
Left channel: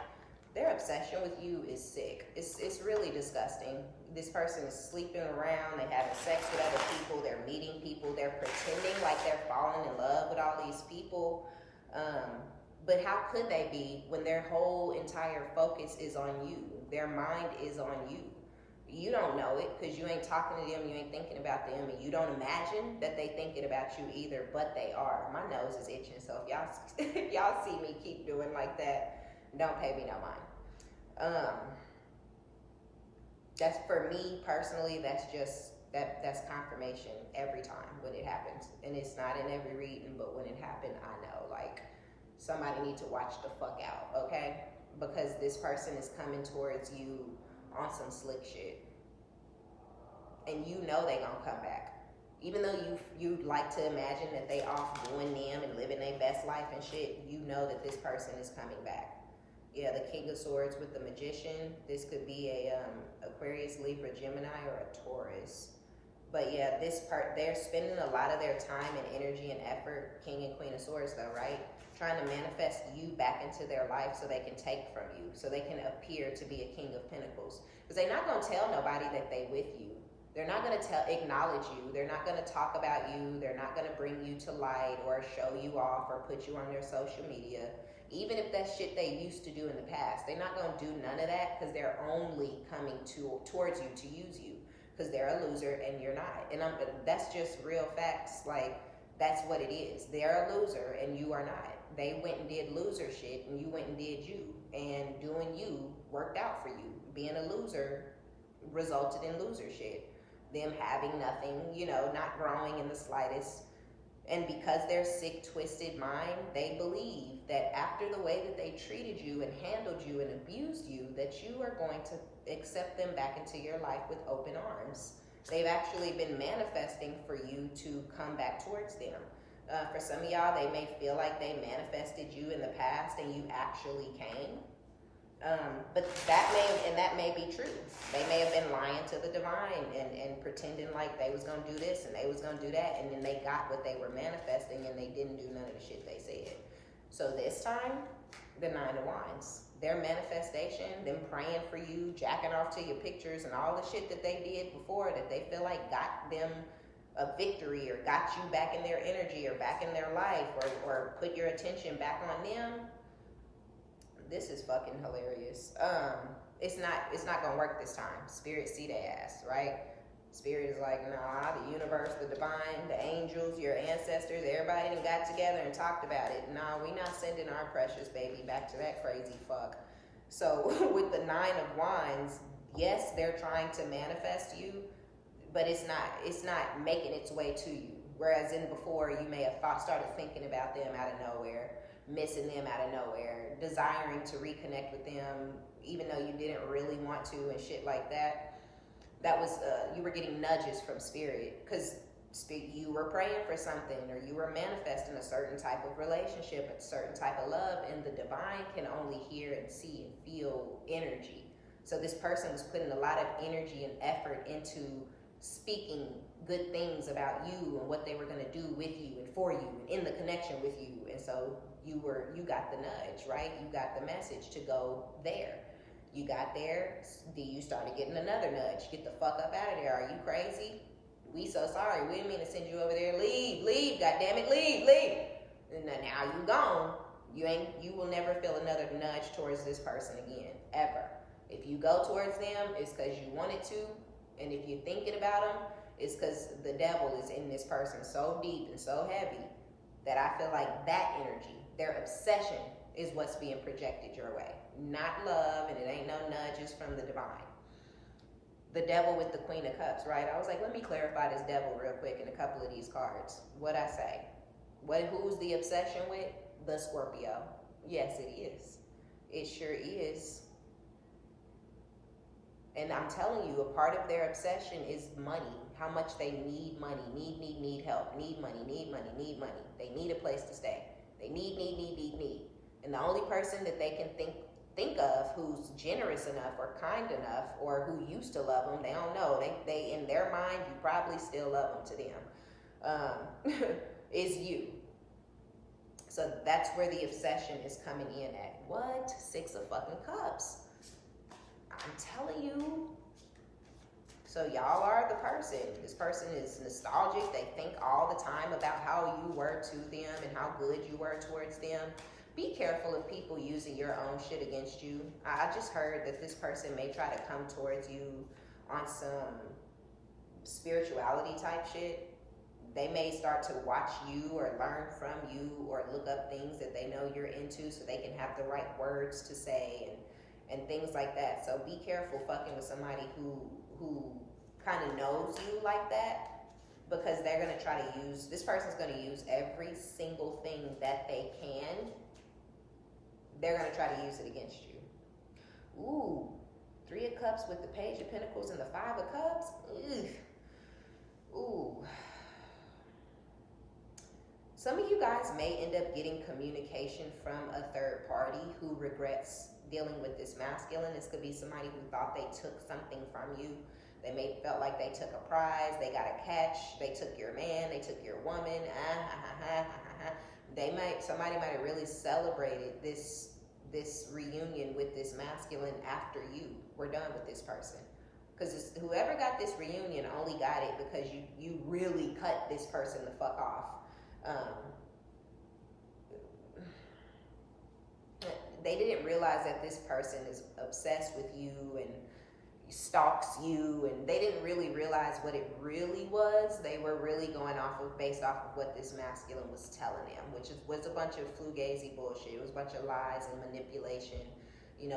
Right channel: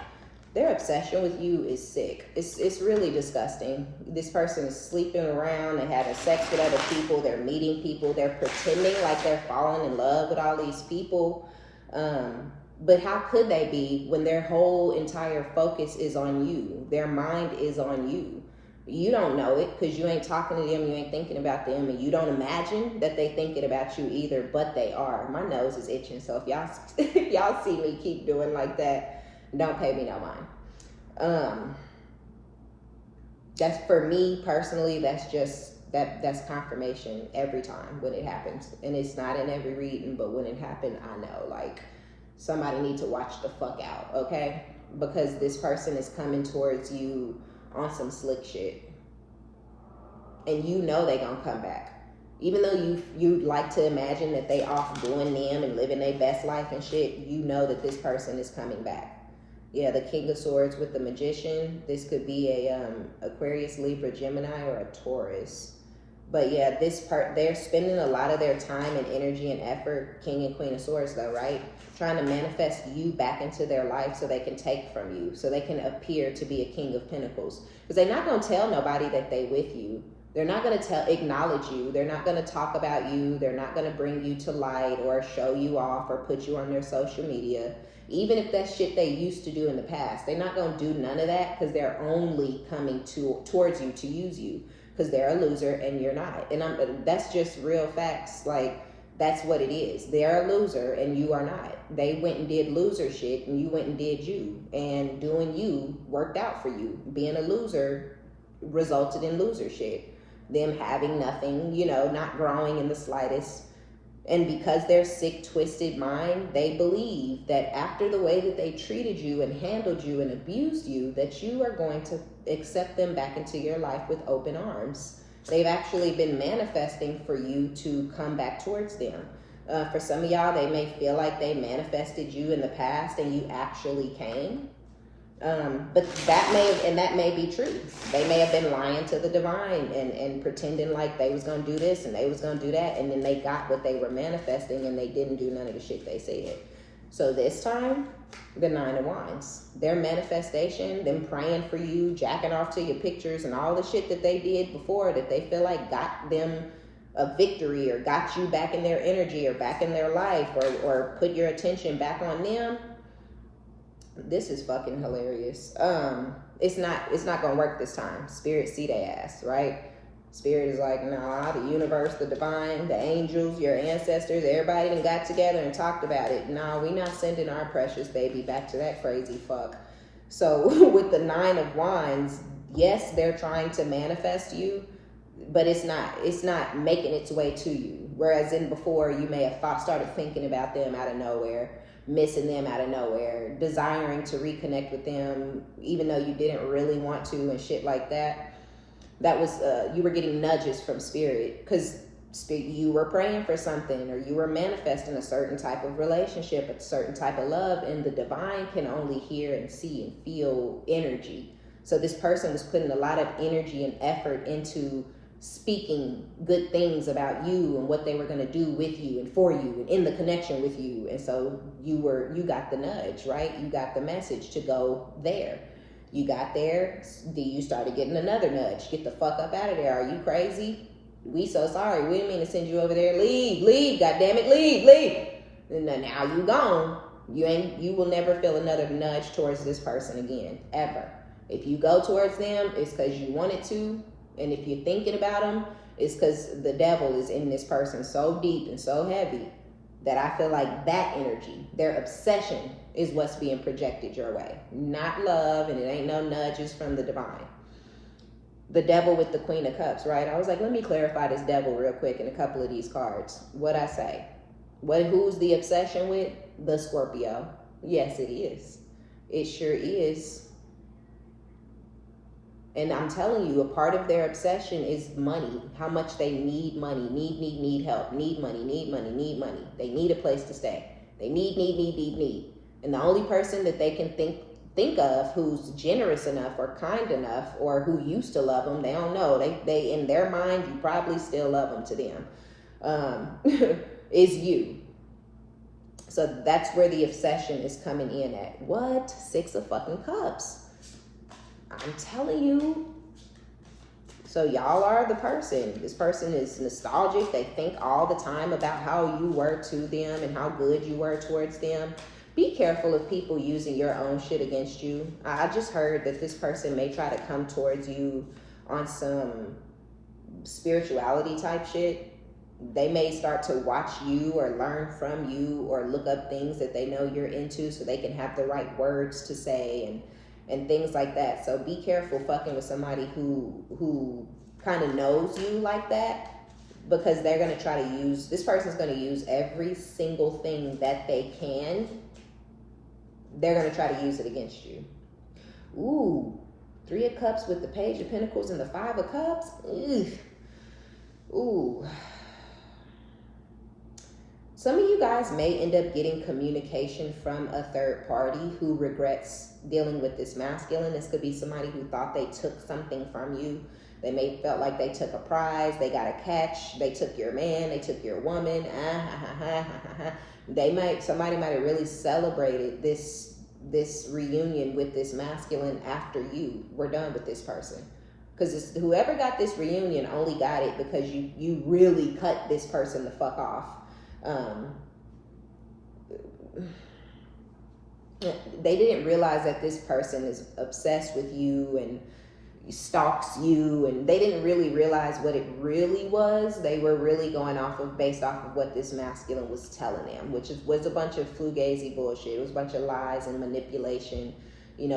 obsession with you is sick. It's really disgusting. This person is sleeping around, they're having sex with other people, they're meeting people, they're pretending like they're falling in love with all these people. But how could they be when their whole entire focus is on you? Their mind is on you. You don't know it because you ain't talking to them, you ain't thinking about them, and you don't imagine that they thinking about you either, but they are. My nose is itching, so if y'all see me keep doing like that, don't pay me no mind. That's, for me personally, that's confirmation every time when it happens. And it's not in every reading, but when it happened, I know, like, somebody need to watch the fuck out, okay? Because this person is coming towards you on some slick shit. And they gonna come back. Even though you'd like to imagine that they off doing them and living their best life and shit, that this person is coming back. Yeah, the King of Swords with the Magician. This could be a Aquarius, Libra, Gemini, or a Taurus. But yeah, this part, they're spending a lot of their time and energy and effort, King and Queen of Swords though, right? Trying to manifest you back into their life so they can take from you, so they can appear to be a King of Pentacles. Because they're not going to tell nobody that they with you. They're not going to acknowledge you. They're not going to talk about you. They're not going to bring you to light or show you off or put you on their social media. Even if that's shit they used to do in the past, they're not going to do none of that because they're only coming towards you to use you. Because they're a loser and you're not. And that's just real facts. Like, that's what it is. They're a loser and you are not. They went and did loser shit and you went and did you. And doing you worked out for you. Being a loser resulted in loser shit. Them having nothing, you know, not growing in the slightest. And because their sick, twisted mind, they believe that after the way that they treated you and handled you and abused you, that you are going to accept them back into your life with open arms. They've actually been manifesting for you to come back towards them. For some of y'all, they may feel like they manifested you in the past and you actually came. But that may be true. They may have been lying to the divine and pretending like they was going to do this and they was going to do that. And then they got what they were manifesting and they didn't do none of the shit they said. So this time, the 9 of Wands, their manifestation, them praying for you, jacking off to your pictures and all the shit that they did before that they feel like got them a victory or got you back in their energy or back in their life or put your attention back on them. This is fucking hilarious. It's not gonna work this time. Spirit see their ass, right? Spirit is like, nah, the universe, the divine, the angels, your ancestors, everybody done got together and talked about it. Nah, we not sending our precious baby back to that crazy fuck. So with the 9 of Wands, yes, they're trying to manifest you, but it's not making its way to you. Whereas in before, you may have started thinking about them out of nowhere, missing them out of nowhere, desiring to reconnect with them, even though you didn't really want to and shit like that. That was, you were getting nudges from Spirit because you were praying for something or you were manifesting a certain type of relationship, a certain type of love, and the divine can only hear and see and feel energy. So this person was putting a lot of energy and effort into speaking good things about you and what they were going to do with you and for you and in the connection with you. And so you got the nudge, right? You got the message to go there. You got there, you started getting another nudge. Get the fuck up out of there. Are you crazy? We so sorry. We didn't mean to send you over there. Leave, God damn it, leave. And now you gone. You will never feel another nudge towards this person again, ever. If you go towards them, it's because you wanted to. And if you're thinking about them, it's because the devil is in this person so deep and so heavy that I feel like that energy, their obsession, is what's being projected your way. Not love, and it ain't no nudges from the divine. The devil with the Queen of Cups, right? I was like, let me clarify this devil real quick in a couple of these cards. What'd I say? Who's the obsession with? The Scorpio. Yes, it is. It sure is. And I'm telling you, a part of their obsession is money. How much they need money. Need help. Need money. They need a place to stay. They need. And the only person that they can think of who's generous enough or kind enough or who used to love them, they don't know. They in their mind, you probably still love them to them, is you. So that's where the obsession is coming in at. What? 6 of fucking Cups. I'm telling you. So y'all are the person. This person is nostalgic. They think all the time about how you were to them and how good you were towards them. Be careful of people using your own shit against you. I just heard that this person may try to come towards you on some spirituality type shit. They may start to watch you or learn from you or look up things that they know you're into so they can have the right words to say and things like that. So be careful fucking with somebody who kind of knows you like that, because they're going to try to use, this person's going to use every single thing that they can. They're going to try to use it against you. Ooh, 3 of Cups with the Page of Pentacles and the 5 of Cups. Ooh. Some of you guys may end up getting communication from a third party who regrets dealing with this masculine. This could be somebody who thought they took something from you. They may felt like they took a prize, they got a catch, they took your man, they took your woman. Somebody might have really celebrated this reunion with this masculine after you were done with this person. Because whoever got this reunion only got it because you really cut this person the fuck off. They didn't realize that this person is obsessed with you and stalks you, and they didn't really realize what it really was. They were really going based off of what this masculine was telling them, which was a bunch of fugazi bullshit. It was a bunch of lies and manipulation,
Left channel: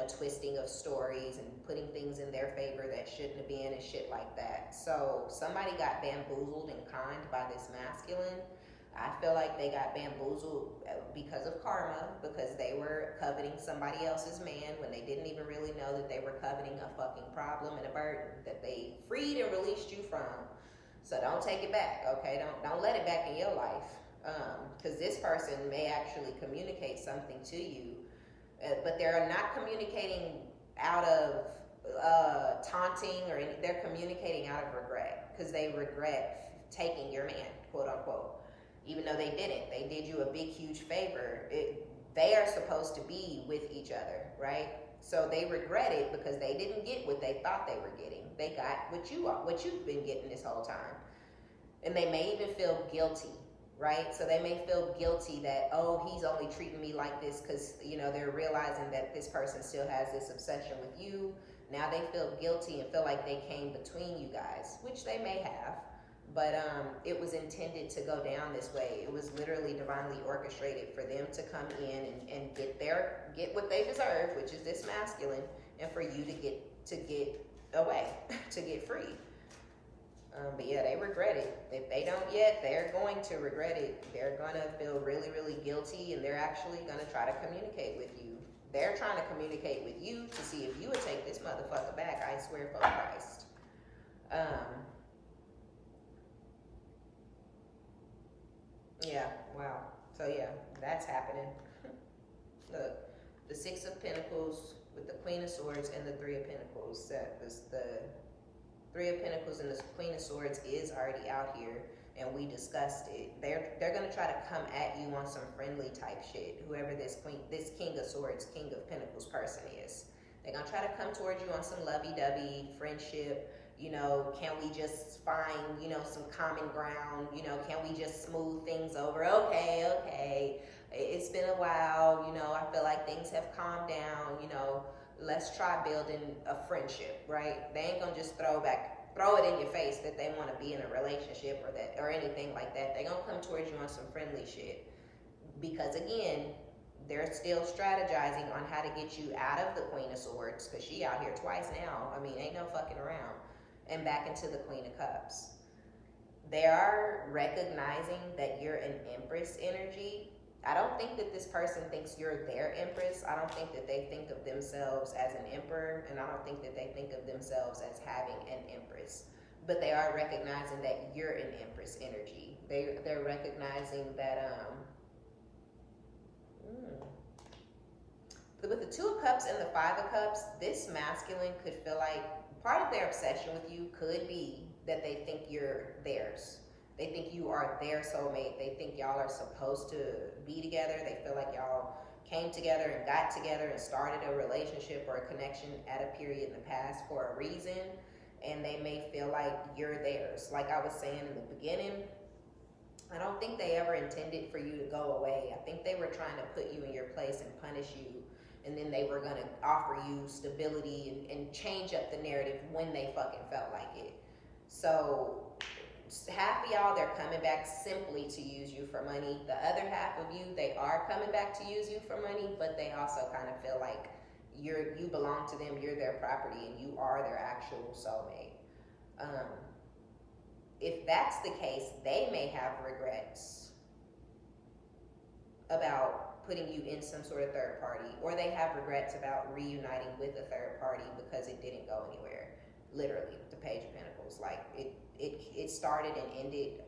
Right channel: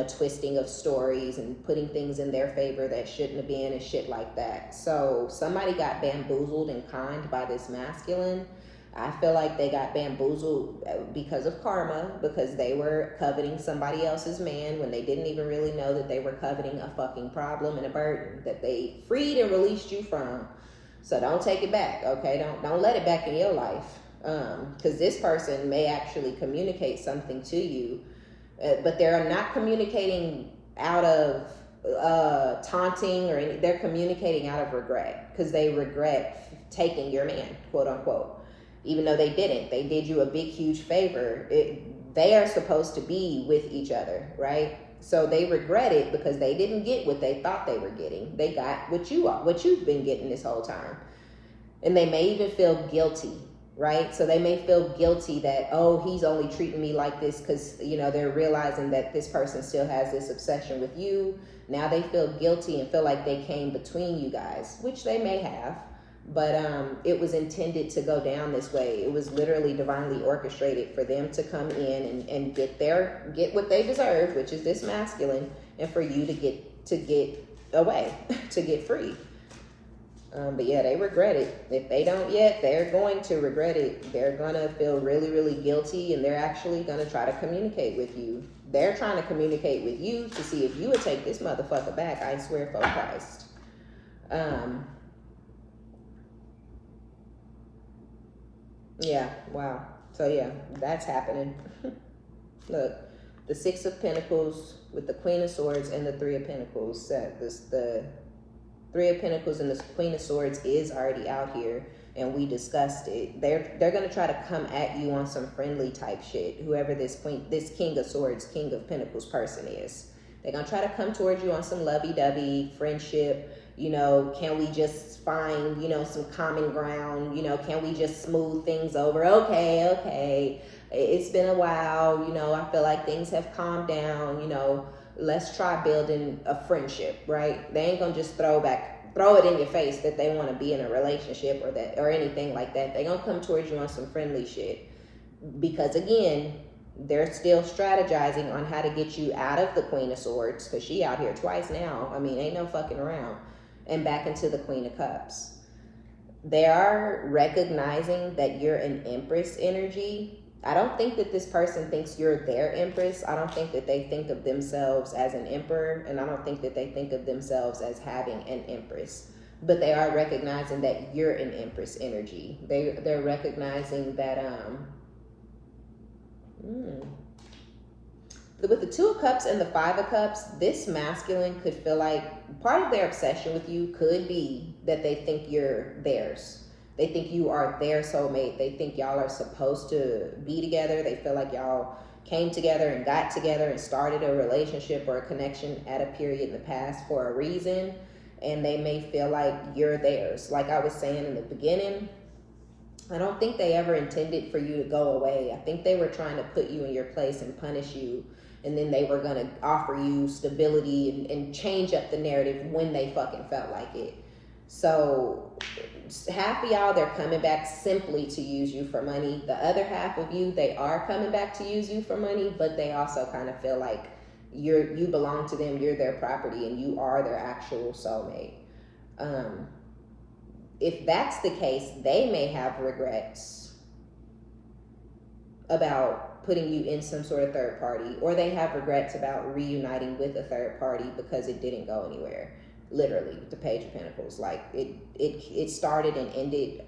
twisting of stories and putting things in their favor that shouldn't have been and shit like that. So somebody got bamboozled and conned by this masculine. I feel like they got bamboozled because of karma, because they were coveting somebody else's man when they didn't even really know that they were coveting a fucking problem and a burden that they freed and released you from. So don't take it back, okay? Don't let it back in your life, because this person may actually communicate something to you, but they're not communicating out of taunting or anything. They're communicating out of regret, because they regret taking your man, quote unquote. Even though they didn't, they did you a big, huge favor. They are supposed to be with each other, right? So they regret it because they didn't get what they thought they were getting. They got what you've been getting this whole time. And they may even feel guilty, right? So they may feel guilty that, oh, he's only treating me like this because, they're realizing that this person still has this obsession with you. Now they feel guilty and feel like they came between you guys, which they may have. But it was intended to go down this way. It was literally divinely orchestrated for them to come in and get what they deserve, which is this masculine, and for you to get away, to get free. But yeah, they regret it. If they don't yet, they're going to regret it. They're gonna feel really, really guilty, and they're actually gonna try to communicate with you. They're trying to communicate with you to see if you would take this motherfucker back. I swear for Christ. Yeah, wow. So yeah, that's happening. Look, the Six of Pentacles with the Queen of Swords and the Three of Pentacles. The Three of Pentacles and the Queen of Swords is already out here, and we discussed it. They're gonna try to come at you on some friendly type shit. Whoever this King of Swords, King of Pentacles person is, they're gonna try to come towards you on some lovey-dovey friendship. Can we just find, some common ground? Can we just smooth things over? Okay. It's been a while. I feel like things have calmed down. Let's try building a friendship, right? They ain't gonna just throw it in your face that they want to be in a relationship or anything like that. They're gonna come towards you on some friendly shit. Because again, they're still strategizing on how to get you out of the Queen of Swords, because she out here twice now. I mean, ain't no fucking around. And back into the Queen of Cups. They are recognizing that you're an Empress energy. I don't think that this person thinks you're their Empress. I don't think that they think of themselves as an Emperor, and I don't think that they think of themselves as having an Empress. But they are recognizing that you're an Empress energy. They're recognizing that with the Two of Cups and the Five of Cups, this masculine could feel like part of their obsession with you could be that they think you're theirs. They think you are their soulmate. They think y'all are supposed to be together. They feel like y'all came together and got together and started a relationship or a connection at a period in the past for a reason. And they may feel like you're theirs. Like I was saying in the beginning, I don't think they ever intended for you to go away. I think they were trying to put you in your place and punish you. And then they were going to offer you stability and change up the narrative when they fucking felt like it. So half of y'all, they're coming back simply to use you for money. The other half of you, they are coming back to use you for money, but they also kind of feel like you belong to them, you're their property, and you are their actual soulmate. If that's the case, they may have regrets about putting you in some sort of third party, or they have regrets about reuniting with a third party because it didn't go anywhere. Literally, with the Page of Pentacles, like it started and ended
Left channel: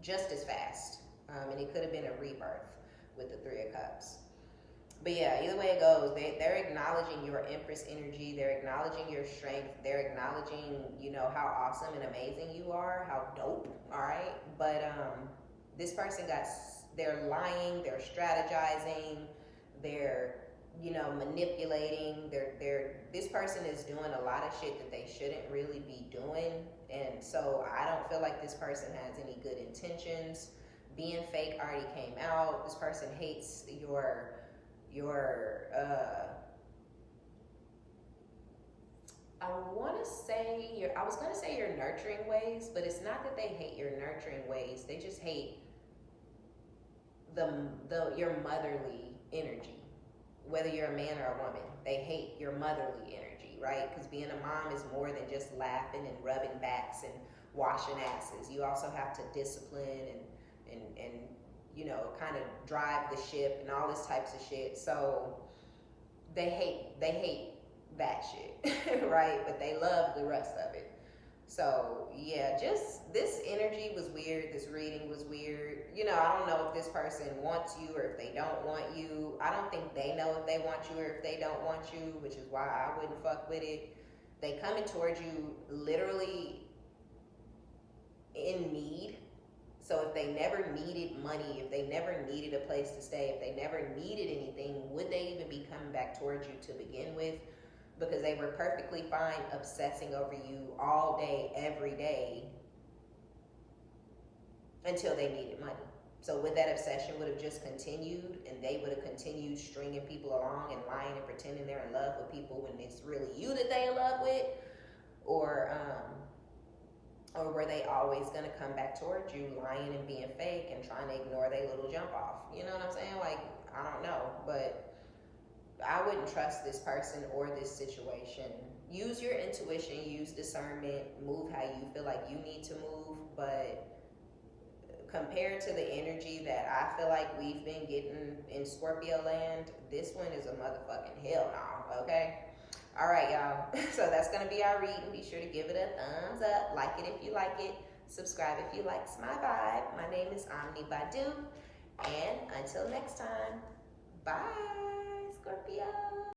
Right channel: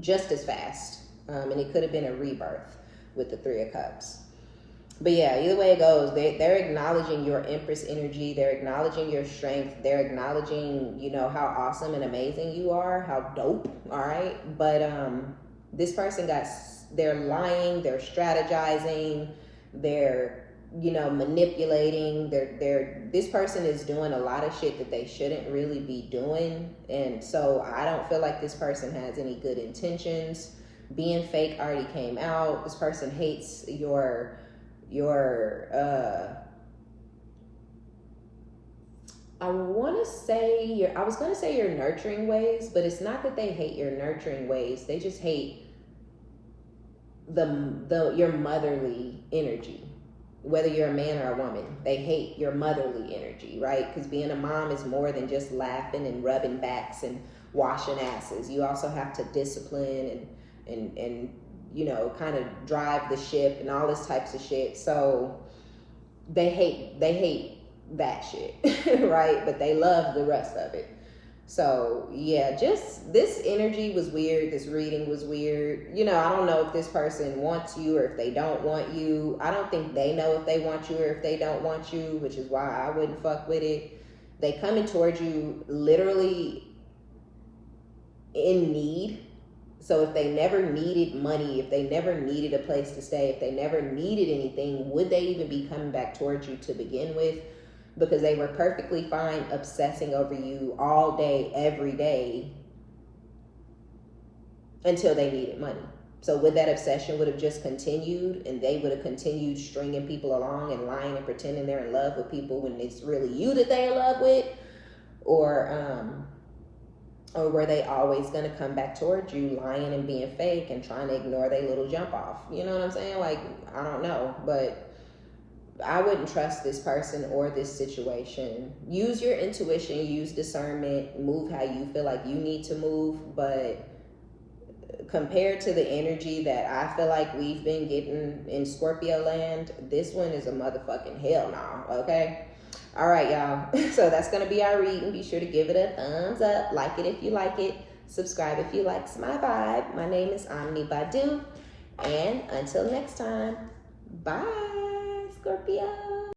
just as fast. And it could have been a rebirth with the Three of Cups. But yeah, either way it goes, they're acknowledging your Empress energy. They're acknowledging your strength. They're acknowledging, you know, how awesome and amazing you are, how dope. All right. But this person they're lying, they're strategizing, they're, you know, manipulating. This person is doing a lot of shit that they shouldn't really be doing. And so I don't feel like this person has any good intentions. Being fake already came out. This person hates your I was gonna say your nurturing ways, but it's not that they hate your nurturing ways. They just hate your motherly energy. Whether you're a man or a woman, they hate your motherly energy, right? Because being a mom is more than just laughing and rubbing backs and washing asses. You also have to discipline and you know, kind of drive the ship and all this types of shit. So they hate that shit, right? But they love the rest of it. So yeah, just this energy was weird. This reading was weird. You know, I don't know if this person wants you or if they don't want you. I don't think they know if they want you or if they don't want you, which is why I wouldn't fuck with it. They coming towards you literally in need. So if they never needed money, if they never needed a place to stay, if they never needed anything, would they even be coming back towards you to begin with? Because they were perfectly fine obsessing over you all day, every day, until they needed money. So would that obsession would have just continued, and they would have continued stringing people along and lying and pretending they're in love with people when it's really you that they're in love with? Or were they always going to come back towards you lying and being fake and trying to ignore their little jump off? You know what I'm saying? Like, I don't know, but I wouldn't trust this person or this situation. Use your intuition, use discernment, move how you feel like you need to move. But compared to the energy that I feel like we've been getting in Scorpio land, this one is a motherfucking hell no, okay? All right, y'all. So that's going to be our reading. Be sure to give it a thumbs up. Like it if you like it. Subscribe if you like my vibe. My name is OmniBadu. And until next time, bye, Scorpio.